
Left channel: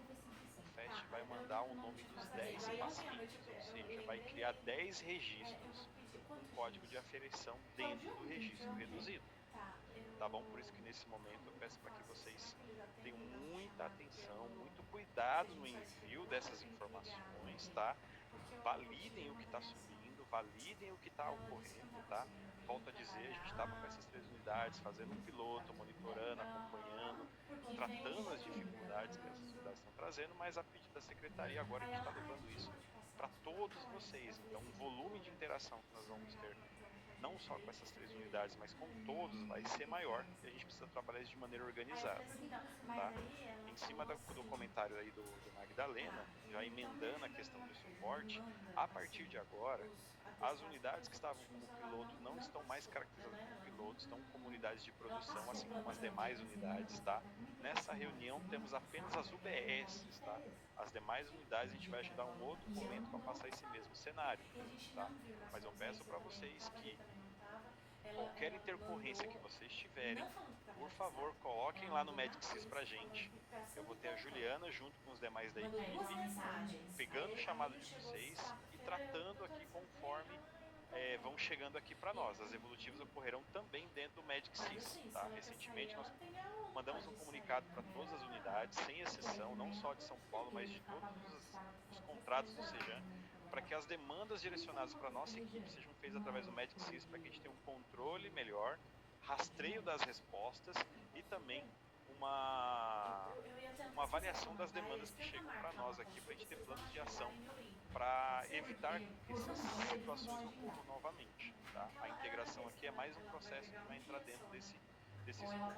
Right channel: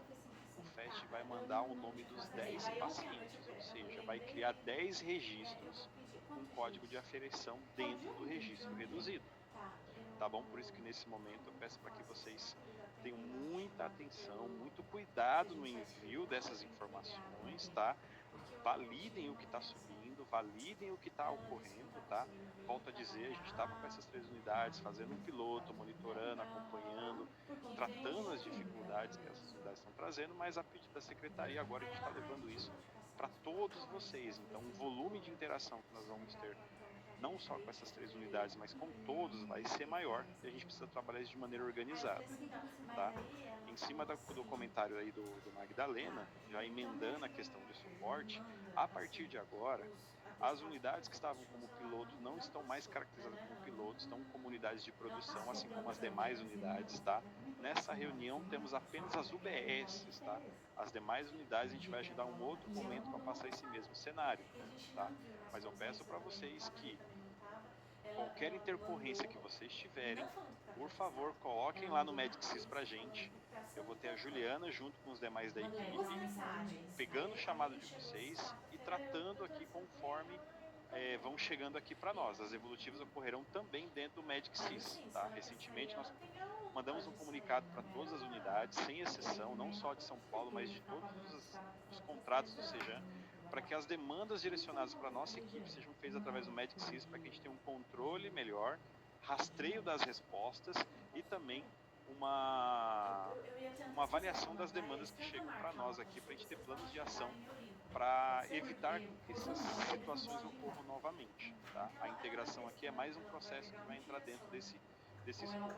o FAST vai mandar o nome dos 10 pacientes, ou seja, vai criar 10 registros com código de aferição dentro do registro reduzido. Tá bom? Por isso que nesse momento eu peço para que vocês tenham muita atenção, muito cuidado no envio dessas informações, tá? Validem o que está subindo, validem o que está ocorrendo, tá? Volto a dizer, a gente estava com essas 3 unidades, fazendo um piloto, monitorando, acompanhando, tratando as dificuldades que essas unidades estão trazendo, mas a pedido da secretaria agora a gente está levando isso para todos vocês. Então, o volume de interação que nós vamos ter, não só com essas 3 unidades, mas com todos, vai ser maior e a gente precisa trabalhar isso de maneira organizada, tá? Em cima do comentário aí do Magdalena, já emendando a questão de suporte, a partir de agora, as unidades que estavam como piloto não estão mais caracterizadas como pilotos, estão como unidades de produção, assim como as demais unidades, tá? Nessa reunião temos apenas as UBSs, tá? As demais unidades a gente vai agendar um outro momento para passar esse mesmo cenário, tá? Mas eu peço para vocês que qualquer intercorrência que vocês tiverem, por favor, coloquem lá no MedSys pra gente. Eu vou ter a Juliana junto com os demais da equipe, pegando o chamado de vocês e tratando aqui conforme vão chegando aqui para nós. As evolutivas ocorrerão também dentro do MedSys, tá? Recentemente nós mandamos um comunicado para todas as unidades, sem exceção, não só de São Paulo, mas de todos os contratos do Sejan, para que as demandas direcionadas para a nossa equipe sejam feitas através do MedSys, para que a gente tenha um controle melhor, rastreio das respostas e também uma avaliação das demandas que chegam para nós aqui, para a gente ter planos de ação para evitar que essas situações ocorram novamente, tá? A integração aqui é mais um processo que vai entrar dentro desse escopo,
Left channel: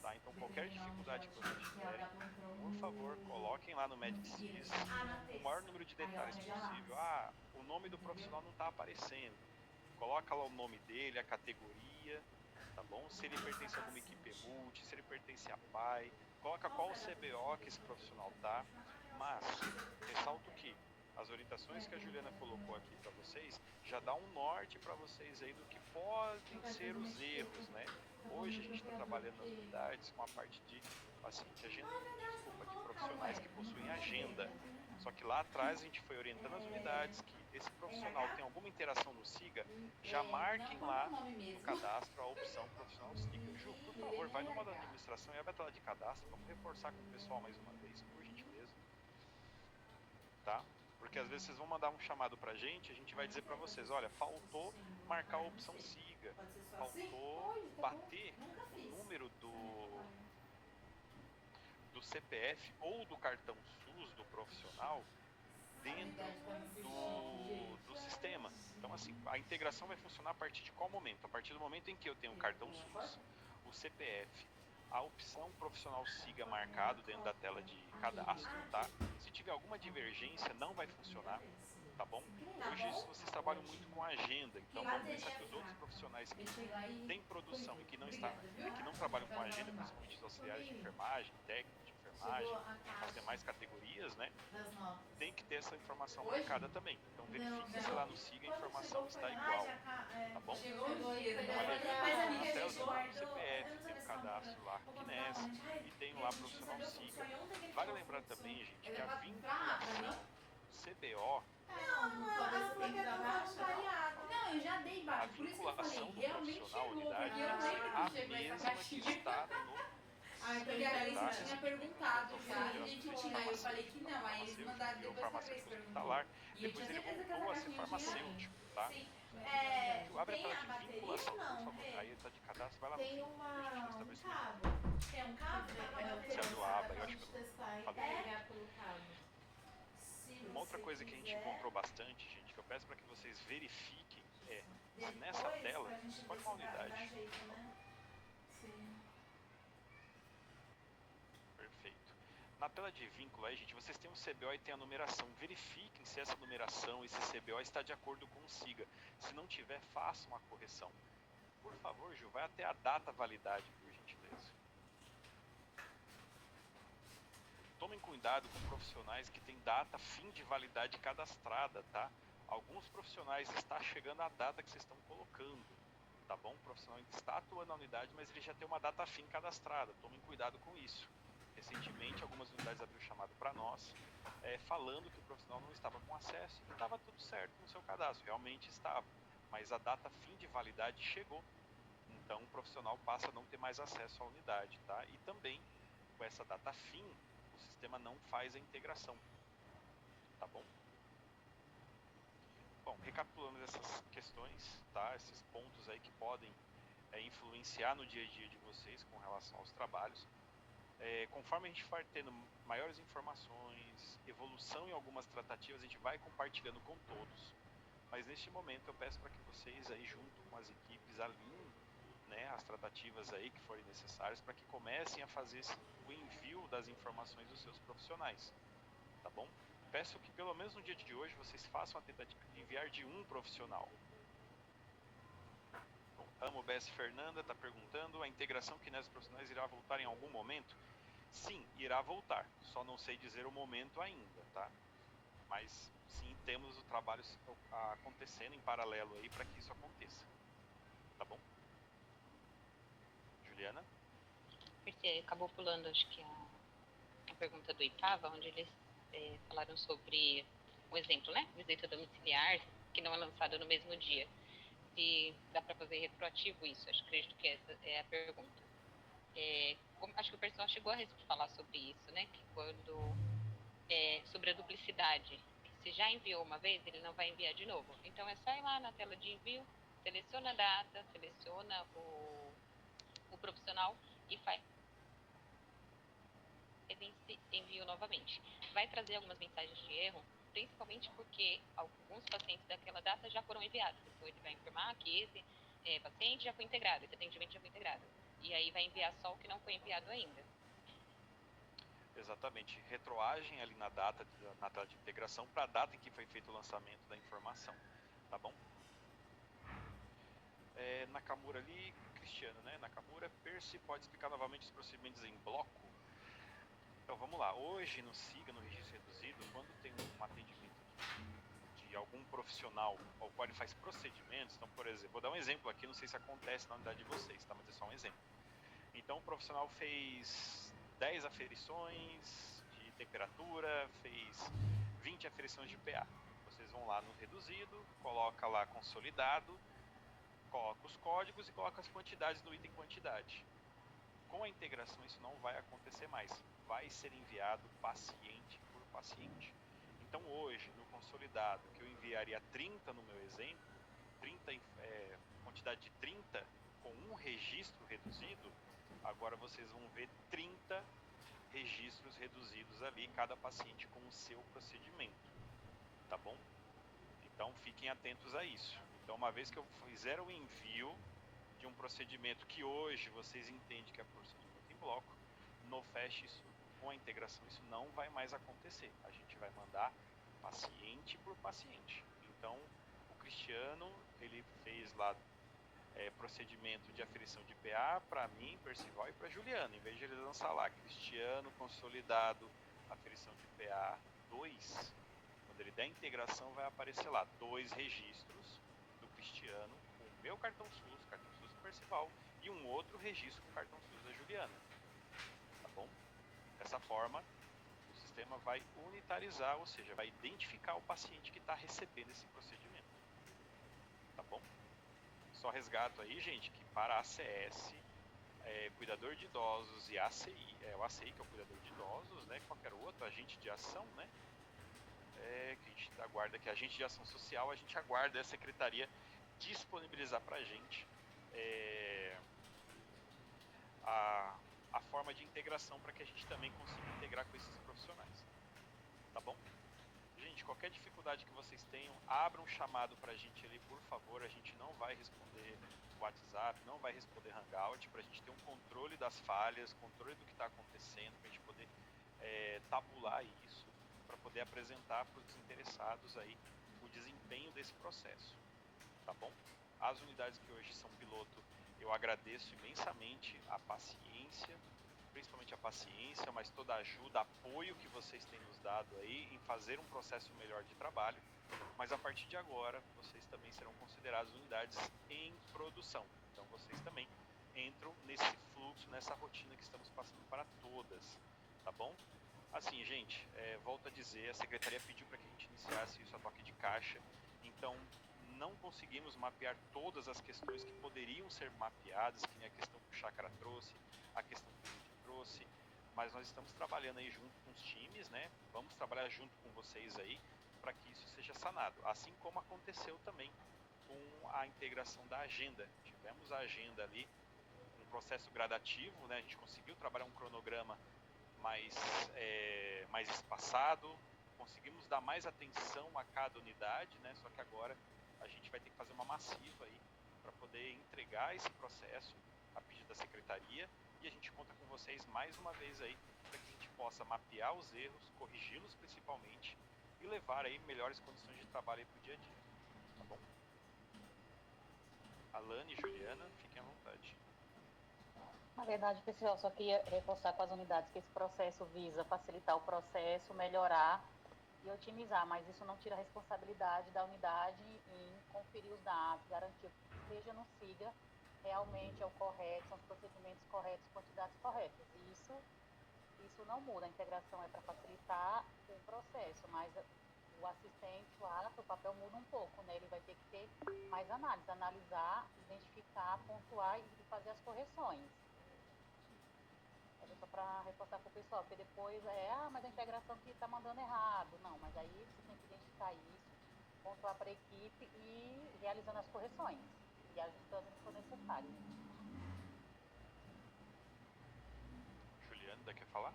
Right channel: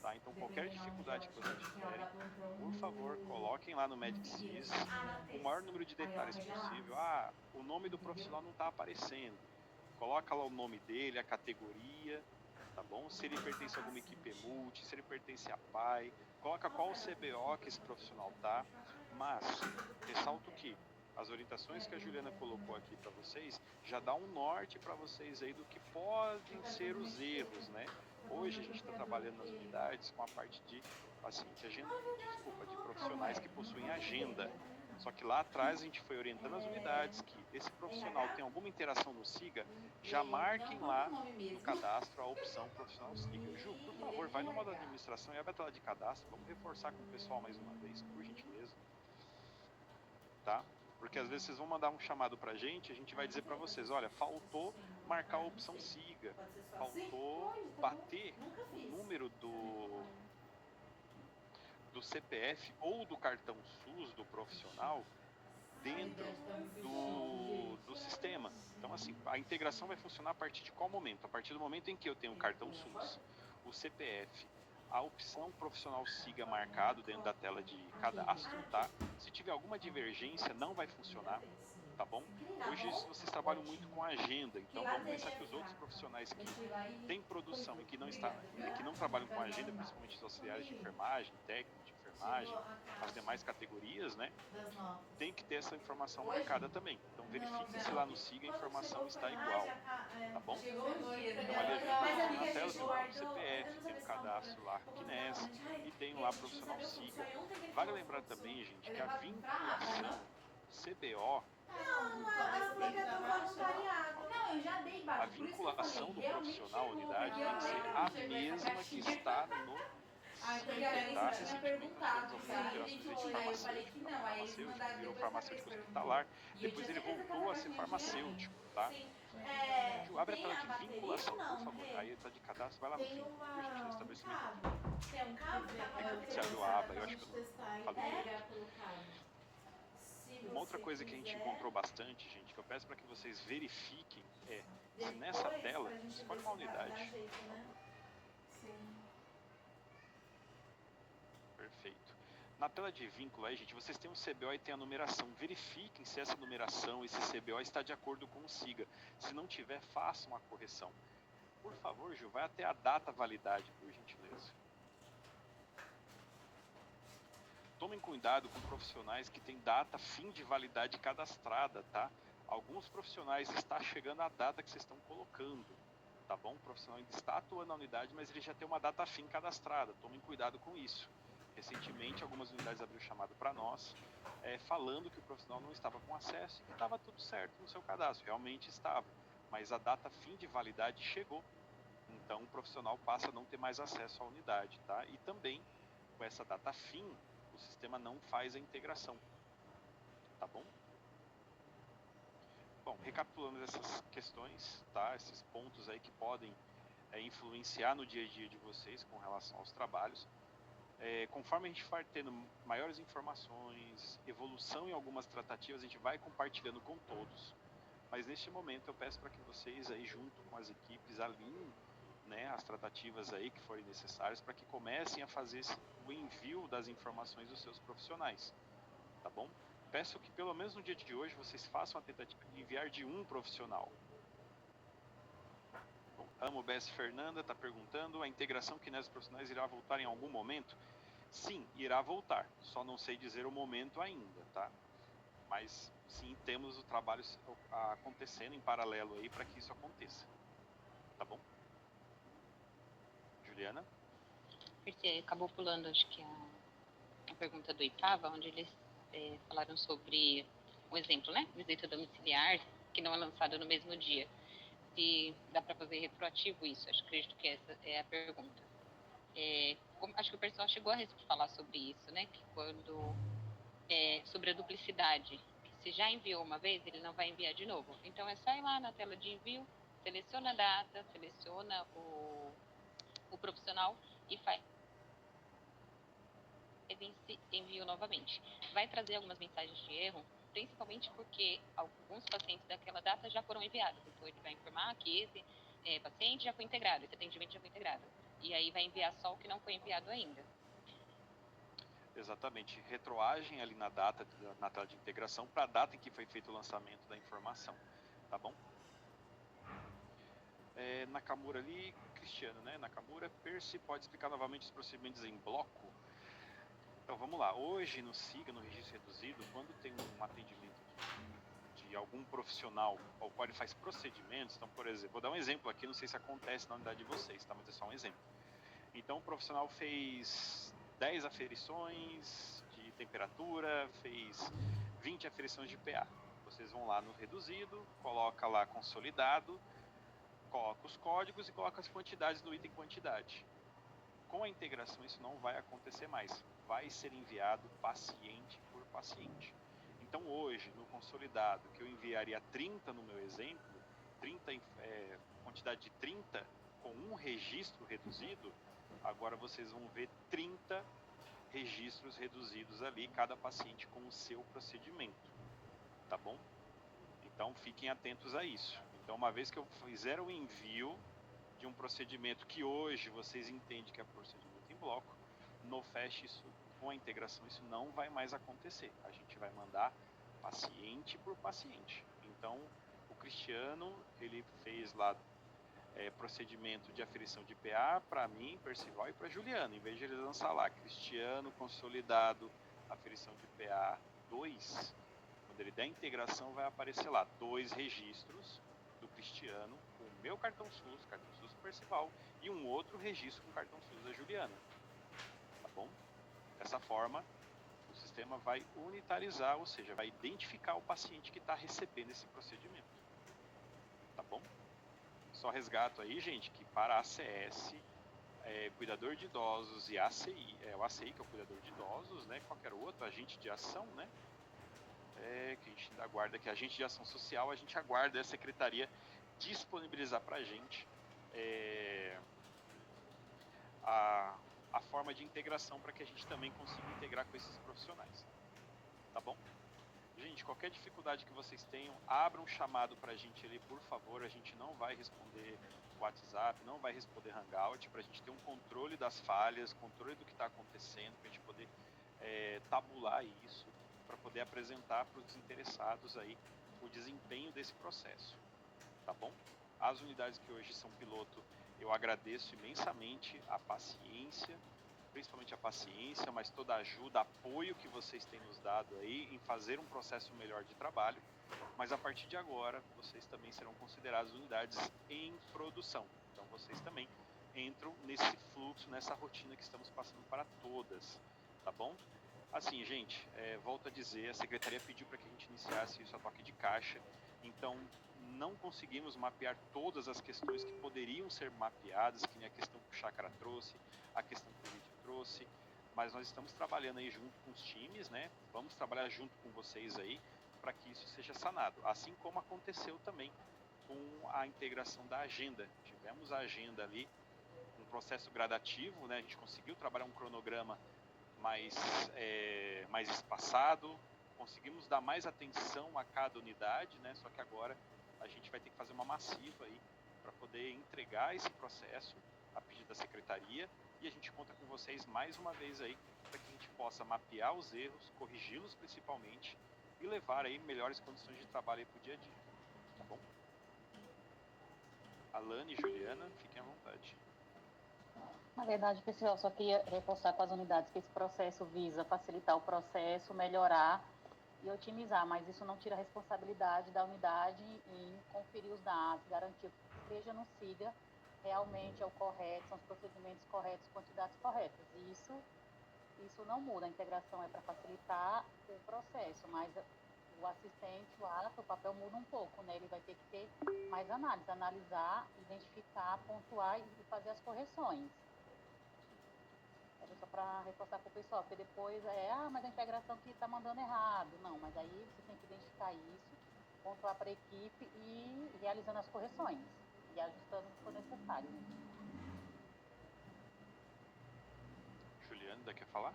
tá? Então, qualquer dificuldade que vocês tiverem, por favor, coloquem lá no MedSys o maior número de detalhes possível. Ah, o nome do profissional não está aparecendo. Coloca lá o nome dele, a categoria, tá bom? Se ele pertence a alguma equipe multi, se ele pertence a PAI, coloca qual o CBO que esse profissional tá. Mas, ressalto que as orientações que a Juliana colocou aqui para vocês já dá um norte para vocês aí do que podem ser os erros, né? Hoje a gente está trabalhando nas unidades com a parte de paciente agenda, de profissionais que possuem agenda. Só que lá atrás a gente foi orientando as unidades que esse profissional tem alguma interação no SIGA, já marquem lá no cadastro a opção profissional SIGA. Ju, por favor, vai no modo administração e abre a tela de cadastro, vamos reforçar com o pessoal mais uma vez, por gentileza. Tá? Porque às vezes vocês vão mandar um chamado pra gente, a gente vai dizer para vocês, olha, faltou marcar a opção SIGA, faltou bater o número do CPF ou do cartão SUS do profissional dentro do sistema. Então, assim, a integração vai funcionar a partir de qual momento? A partir do momento em que eu tenho o cartão SUS, o CPF, a opção profissional SIGA marcado dentro da tela de cadastro, tá? Se tiver alguma divergência, não vai funcionar, tá bom? Hoje vocês trabalham muito com agenda, então vamos pensar que os outros profissionais que têm produção e que não trabalham com agenda, principalmente os auxiliares de enfermagem, técnicos de enfermagem, as demais categorias, né? Tem que ter essa informação marcada também. Então verifique se lá no SIGA a informação está igual, tá bom? Então ali a gente na tela tem o CPF, tem o cadastro lá Kines e tem lá profissional SIGA. Vale lembrar também, gente, que a vinculação CBO, a vinculação do profissional à unidade tem que ser a mesma que está no SIGA, tá? Recentemente nós tivemos algumas interações de farmacêutico virou farmacêutico hospitalar, depois ele voltou a ser farmacêutico, tá? Ju, abre a tela de vinculação, por favor. Aí está de cadastro, vai lá no fim, por gentileza, estabelecimento aqui. É que você abriu a aba, eu acho que eu não falei direito. Uma outra coisa que a gente encontrou bastante, gente, que eu peço para que vocês verifiquem é, se nessa tela, escolhe uma unidade, por favor. Perfeito. Na tela de vínculo aí, gente, vocês têm um CBO e tem a numeração. Verifiquem se essa numeração, esse CBO está de acordo com o SIGA. Se não tiver, façam a correção. Por favor, Gil, vai até a data validade, por gentileza. Tomem cuidado com profissionais que têm data fim de validade cadastrada, tá? Alguns profissionais está chegando a data que vocês estão colocando, tá bom? O profissional ainda está atuando na unidade, mas ele já tem uma data fim cadastrada. Tomem cuidado com isso. Recentemente, algumas unidades abriram chamado para nós, falando que o profissional não estava com acesso e que estava tudo certo no seu cadastro. Realmente estava, mas a data fim de validade chegou. Então, o profissional passa a não ter mais acesso à unidade, tá? E também, com essa data fim, o sistema não faz a integração, tá bom? Bom, recapitulando essas questões, tá? Esses pontos aí que podem influenciar no dia a dia de vocês com relação aos trabalhos. Conforme a gente for tendo maiores informações, evolução em algumas tratativas, a gente vai compartilhando com todos. Mas neste momento eu peço para que vocês aí junto com as equipes alinhem, né, as tratativas aí que forem necessárias para que comecem a fazer o envio das informações dos seus profissionais, tá bom? Peço que pelo menos no dia de hoje vocês façam a tentativa de enviar de um profissional. Bom, Amo BS Fernanda está perguntando, a integração Kinesis profissionais irá voltar em algum momento? Sim, irá voltar, só não sei dizer o momento ainda, tá? Mas sim, temos o trabalho acontecendo em paralelo aí para que isso aconteça, tá bom? Juliana? Você acabou pulando, acho que a pergunta do Ipava, onde eles falaram sobre um exemplo, né? Visita domiciliar, que não é lançada no mesmo dia. Se dá para fazer retroativo isso, acredito que essa é a pergunta. Acho que o pessoal chegou a falar sobre isso, né? Que quando sobre a duplicidade, se já enviou uma vez, ele não vai enviar de novo. Então é só ir lá na tela de envio, seleciona a data, seleciona o profissional e faz envio novamente. Vai trazer algumas mensagens de erro, principalmente porque alguns pacientes daquela data já foram enviados. Então ele vai informar que esse paciente já foi integrado, esse atendimento já foi integrado. E aí vai enviar só o que não foi enviado ainda. Exatamente, retroagem ali na data, na tela de integração, para a data em que foi feito o lançamento da informação, tá bom? Nakamura ali, Cristiano, né? Nakamura, Percy, pode explicar novamente os procedimentos em bloco? Então vamos lá, hoje no SIGA, no registro reduzido, quando tem um atendimento de algum profissional ao qual ele faz procedimentos, então por exemplo, vou dar um exemplo aqui, não sei se acontece na unidade de vocês, tá? Mas é só um exemplo. Então o profissional fez 10 aferições de temperatura, fez 20 aferições de PA. Vocês vão lá no reduzido, coloca lá consolidado, coloca os códigos e coloca as quantidades no item quantidade. Com a integração isso não vai acontecer mais, vai ser enviado paciente por paciente. Então hoje, no consolidado, que eu enviaria 30 no meu exemplo, 30, quantidade de 30 com um registro reduzido, agora vocês vão ver 30 registros reduzidos ali, cada paciente com o seu procedimento, tá bom? Então fiquem atentos a isso. Então uma vez que eu fizer o envio de um procedimento que hoje vocês entendem que é procedimento em bloco, no FAST isso, com a integração isso não vai mais acontecer. A gente vai mandar paciente por paciente. Então o Cristiano, ele fez lá procedimento de aferição de PA para mim, Percival e para Juliana. Em vez de ele lançar lá Cristiano consolidado, aferição de PA 2, quando ele der a integração vai aparecer lá 2 registros do Cristiano com o meu cartão SUS do Percival e um outro registro com o cartão SUS da Juliana. Tá bom? Dessa forma, o sistema vai unitarizar, ou seja, vai identificar o paciente que está recebendo esse procedimento. Tá bom? Só resgato aí, gente, que para a ACS, cuidador de idosos e ACI, o ACI que é o cuidador de idosos, né, qualquer outro agente de ação, né, que a gente aguarda, que agente de ação social, a gente aguarda a secretaria disponibilizar para a gente a forma de integração para que a gente também consiga integrar com esses profissionais, tá bom? Gente, qualquer dificuldade que vocês tenham, abram um chamado para a gente ali, por favor. A gente não vai responder WhatsApp, não vai responder Hangout, para a gente ter um controle das falhas, controle do que está acontecendo, para a gente poder tabular isso, para poder apresentar para os interessados aí o desempenho desse processo, tá bom? As unidades que hoje são piloto, eu agradeço imensamente a paciência, principalmente a paciência, mas toda a ajuda, apoio que vocês têm nos dado aí em fazer um processo melhor de trabalho, mas a partir de agora vocês também serão considerados unidades em produção, então vocês também entram nesse fluxo, nessa rotina que estamos passando para todas, tá bom? Assim, gente, volto a dizer, a secretaria pediu para que a gente iniciasse isso a toque de caixa, então não conseguimos mapear todas as questões que poderiam ser mapeadas, que nem a questão que o Chácara trouxe, a questão que o Lídio trouxe, mas nós estamos trabalhando aí junto com os times, né? Vamos trabalhar junto com vocês aí para que isso seja sanado, assim como aconteceu também com a integração da agenda. Tivemos a agenda ali, um processo gradativo, né? A gente conseguiu trabalhar um cronograma mais espaçado, conseguimos dar mais atenção a cada unidade, né? Só que agora a gente vai ter que fazer uma massiva aí para poder entregar esse processo a pedido da secretaria, e a gente conta com vocês mais uma vez aí para que a gente possa mapear os erros, corrigi-los principalmente e levar aí melhores condições de trabalho para o dia a dia, tá bom? Alane e Juliana, fiquem à vontade. Na verdade, pessoal, só queria reforçar com as unidades que esse processo visa facilitar o processo, melhorar e otimizar, mas isso não tira a responsabilidade da unidade em conferir os dados, garantir que o que esteja no SIGA realmente é o correto, são os procedimentos corretos, quantidades corretas. E isso não muda, a integração é para facilitar o processo, mas o assistente lá, o papel muda um pouco, né? Ele vai ter que ter mais análise, analisar, identificar, pontuar e fazer as correções. Era só para reforçar para o pessoal, porque depois mas a integração aqui está mandando errado. Não, mas aí você tem que identificar isso, pontuar para a equipe e realizando as correções e ajustando o que for necessário. Juliana, ainda quer falar?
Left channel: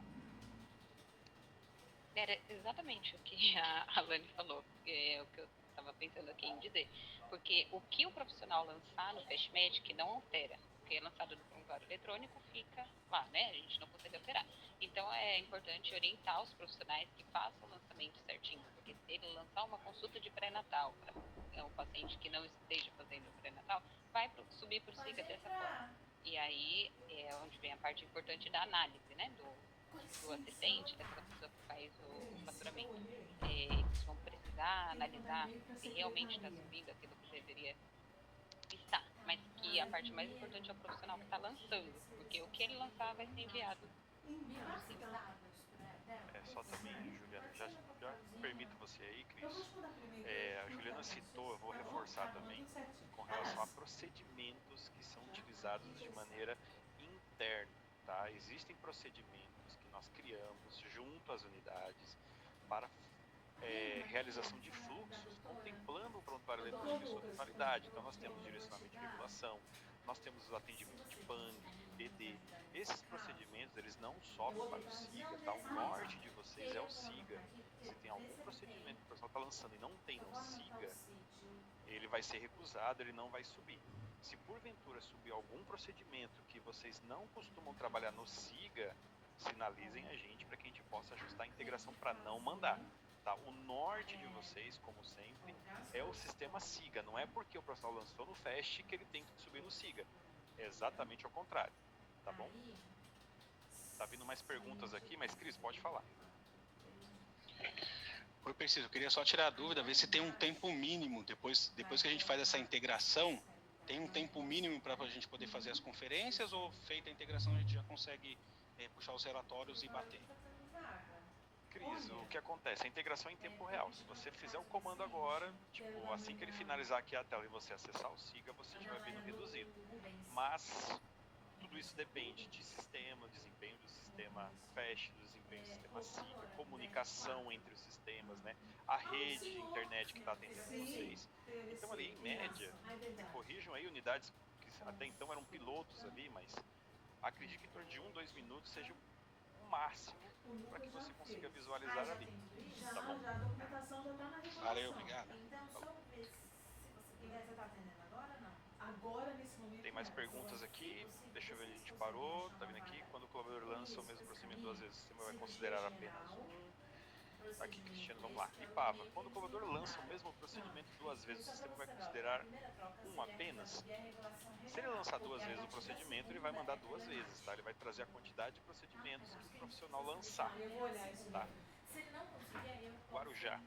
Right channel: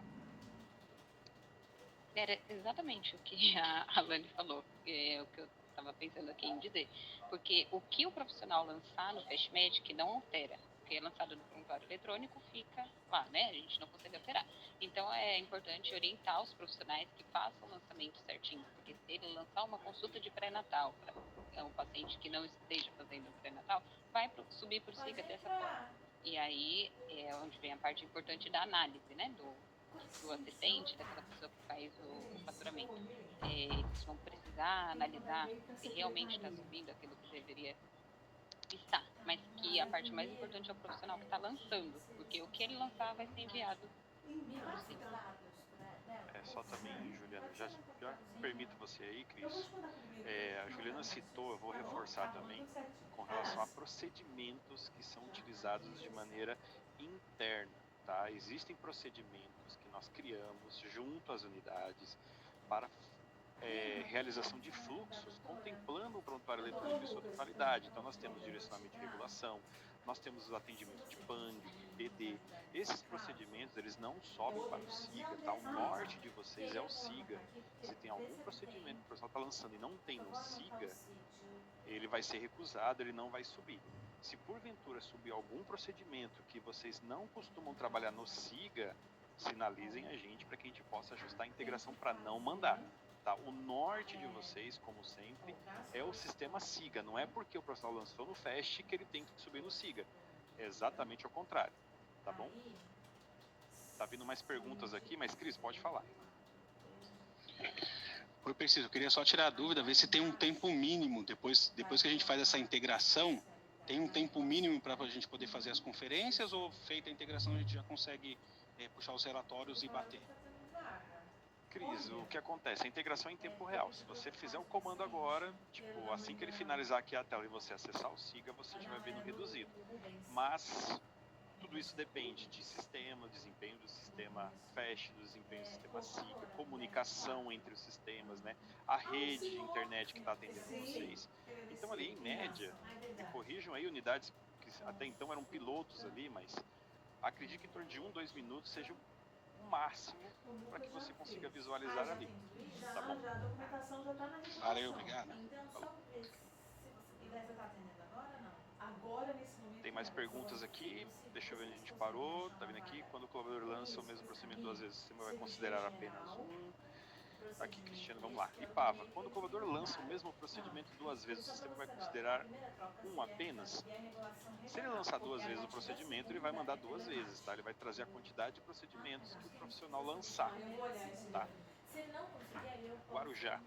Era exatamente o que a Alane falou, é o que eu estava pensando aqui em dizer. Porque o que o profissional lançar no FastMed não altera. O que é lançado no prontuário eletrônico fica lá, né? A gente não consegue alterar. Então é importante orientar os profissionais que façam o lançamento certinho. Porque se ele lançar uma consulta de pré-natal para um paciente que não esteja fazendo pré-natal, vai subir por SIGA dessa forma. E aí é onde vem a parte importante da análise, né? Do assistente, daquela pessoa que faz o faturamento. Eles vão precisar analisar se realmente está subindo aquilo que deveria estar, mas que a parte mais importante é o profissional que está lançando, porque o que ele lançar vai ser enviado pelo SIGA. Só também, Juliana, já permito você aí, Cris. A Juliana citou, eu vou reforçar também, com relação a procedimentos que são utilizados de maneira interna, tá? Existem procedimentos que nós criamos junto às unidades para realização de fluxos, contemplando o prontuário eletrônico em sua totalidade. Então nós temos direcionamento de regulação, nós temos o atendimento de PANG, PD. Esses procedimentos, eles não sobem para o SIGA, tá? O norte de vocês é o SIGA. Se tem algum procedimento que o pessoal está lançando e não tem no SIGA, ele vai ser recusado, ele não vai subir. Se porventura subir algum procedimento que vocês não costumam trabalhar no SIGA, sinalizem a gente para que a gente possa ajustar a integração para não mandar. Tá? O norte de vocês, como sempre, é o sistema SIGA. Não é porque o profissional lançou no FAST que ele tem que subir no SIGA. É exatamente ao contrário. Tá bom? Tá vindo mais perguntas aqui, mas Cris, pode falar. Oi, Preciso, eu queria só tirar a dúvida, ver se tem um tempo mínimo, depois que a gente faz essa integração, tem um tempo mínimo para a gente poder fazer as conferências, ou feita a integração a gente já consegue puxar os relatórios e bater? Cris, o que acontece? A integração é em tempo real. Se você fizer o comando agora, tipo, assim que ele finalizar aqui a tela e você acessar o SIGA, você já vai ver no reduzido. Mas tudo isso depende de sistema, desempenho do sistema FAST, do desempenho do sistema SIGA, comunicação entre os sistemas, né? A rede de internet que está atendendo vocês. Então ali, em média, me corrijam aí, unidades que até então eram pilotos ali, mas acredito que em torno de 1-2 minutos seja o máximo para que você consiga visualizar ali, tá bom? Valeu, obrigado. Tem mais perguntas aqui, deixa eu ver onde a gente parou, tá vendo aqui? Quando o colaborador lança o mesmo procedimento duas vezes, o sistema vai considerar apenas um. Aqui, Cristiano, vamos lá. IPAVA, quando o colaborador lança o mesmo procedimento duas vezes, o sistema vai considerar um apenas? Se ele lançar duas vezes o procedimento, ele vai mandar duas vezes, tá? Ele vai trazer a quantidade de procedimentos que o profissional lançar, tá? Guarujá.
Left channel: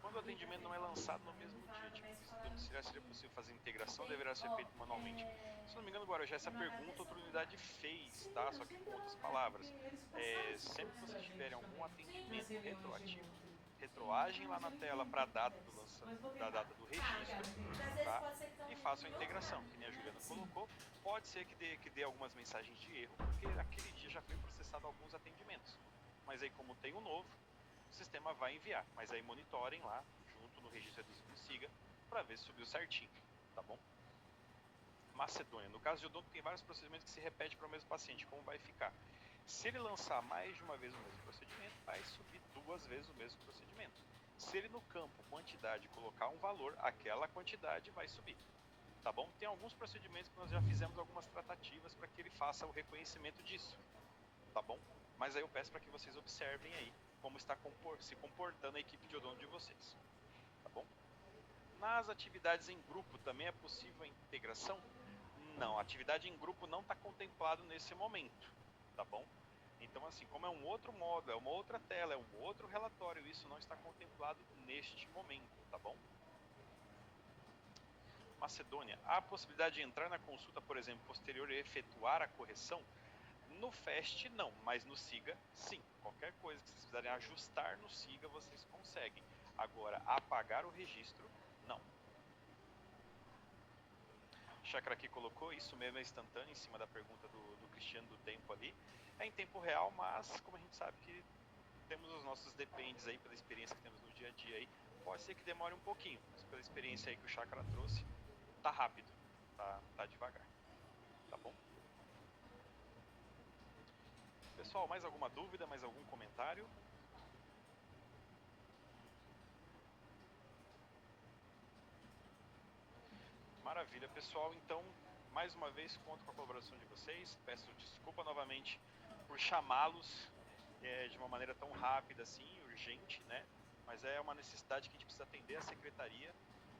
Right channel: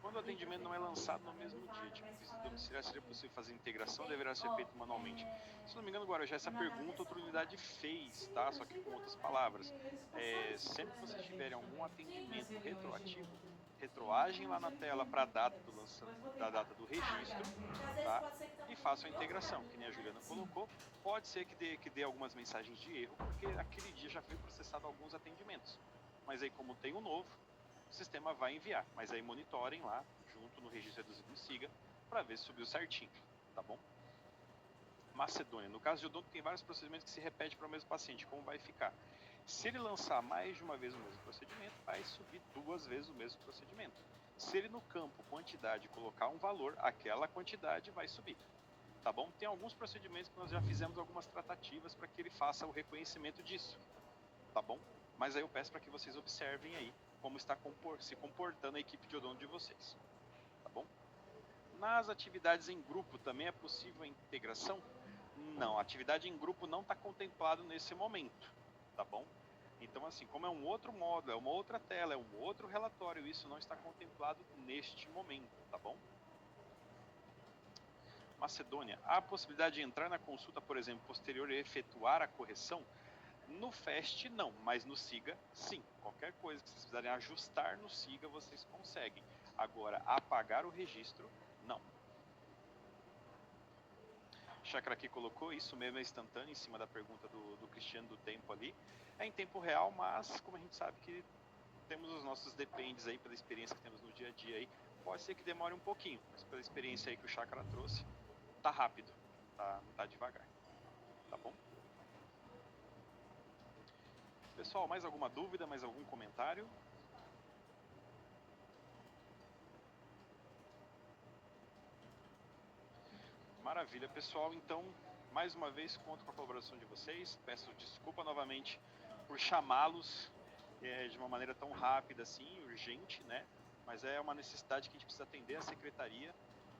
Quando o atendimento não é lançado no mesmo dia, tipo, visita domiciliar, seria possível fazer integração ou deverá ser feito manualmente? Se não me engano, Guarujá, essa pergunta outra unidade fez, tá? Só que com outras palavras. Sempre que vocês tiverem algum atendimento retroativo, retroagem lá na tela para a data do lançamento, da data do registro, tá? E façam a integração, que nem a Juliana colocou. Pode ser que dê algumas mensagens de erro, porque aquele dia já foi processado alguns atendimentos. Mas aí, como tem um novo, o sistema vai enviar. Mas aí monitorem lá, junto no registro reduzido no SIGA, para ver se subiu certinho, tá bom? Macedônia. No caso de odonto, tem vários procedimentos que se repetem para o mesmo paciente. Como vai ficar? Se ele lançar mais de uma vez o mesmo procedimento, vai subir 2 vezes o mesmo procedimento. Se ele no campo, quantidade, colocar um valor, aquela quantidade vai subir. Tá bom? Tem alguns procedimentos que nós já fizemos algumas tratativas para que ele faça o reconhecimento disso. Tá bom? Mas aí eu peço para que vocês observem aí como está se comportando a equipe de odonto de vocês. Tá bom? Nas atividades em grupo também é possível a integração? Não, a atividade em grupo não está contemplado nesse momento, tá bom? Então, assim, como é um outro módulo, é uma outra tela, é um outro relatório, isso não está contemplado neste momento, tá bom? Macedônia, há a possibilidade de entrar na consulta, por exemplo, posterior e efetuar a correção? No FAST não, mas no SIGA sim. Qualquer coisa que vocês precisarem ajustar no SIGA, vocês conseguem. Agora, apagar o registro, não. Chakra aqui colocou, isso mesmo é instantâneo, em cima da pergunta do Cristiano do tempo ali. É em tempo real, mas como a gente sabe que temos os nossos dependes aí, pela experiência que temos no dia a dia aí, pode ser que demore um pouquinho, mas pela experiência aí que o Chakra trouxe, tá rápido, tá devagar, tá bom? Pessoal, mais alguma dúvida, mais algum comentário? Maravilha, pessoal. Então, mais uma vez, conto com a colaboração de vocês. Peço desculpa novamente por chamá-los de uma maneira tão rápida assim, urgente, né? Mas é uma necessidade que a gente precisa atender a secretaria.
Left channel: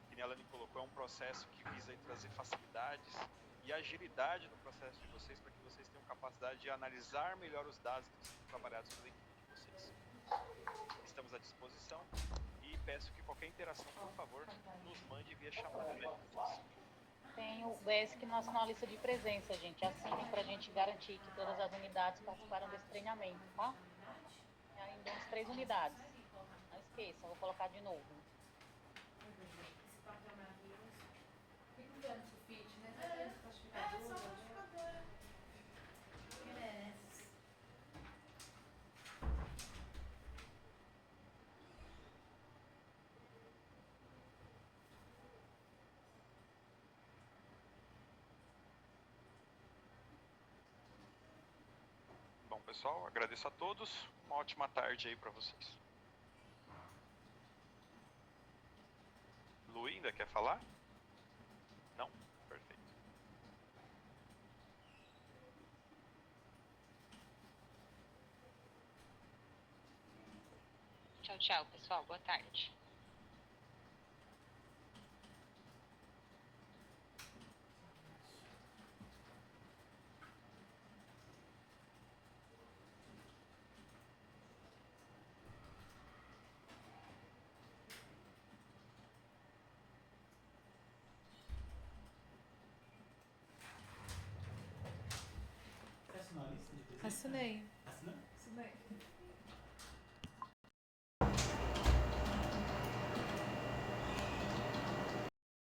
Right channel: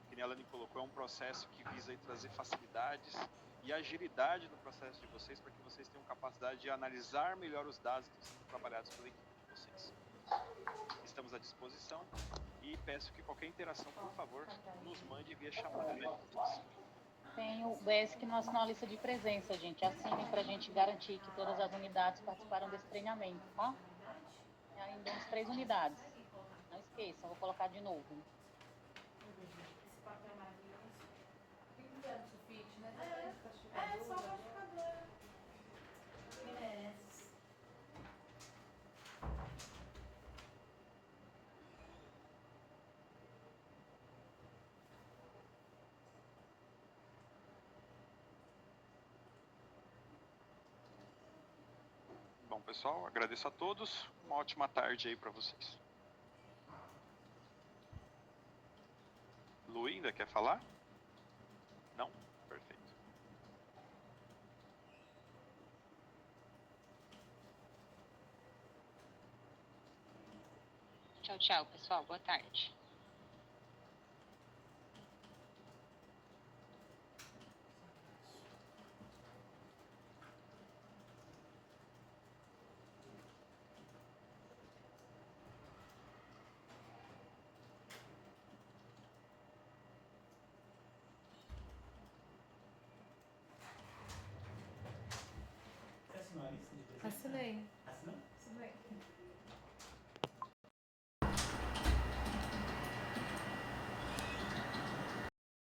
Que nem a Lani colocou, é um processo que visa aí trazer facilidades e agilidade no processo de vocês, para que vocês tenham capacidade de analisar melhor os dados que estão sendo trabalhados pela equipe de vocês. Estamos à disposição e peço que qualquer interação, por favor, nos mande via chamada, né? Tem o BESC não assinou a lista de presença, gente. Assinem para a gente garantir que todas as unidades participaram desse treinamento, tá? E ainda uns 3 unidades. Não esqueçam, vou colocar de novo. Esse papel é maravilhoso. Fica usando sulfite, né? É só plastificador. Que merece. Bom, pessoal, agradeço a todos. Uma ótima tarde aí para vocês. Lu, ainda quer falar? Não? Perfeito. Tchau, tchau, pessoal. Boa tarde. Assinei. Assinei.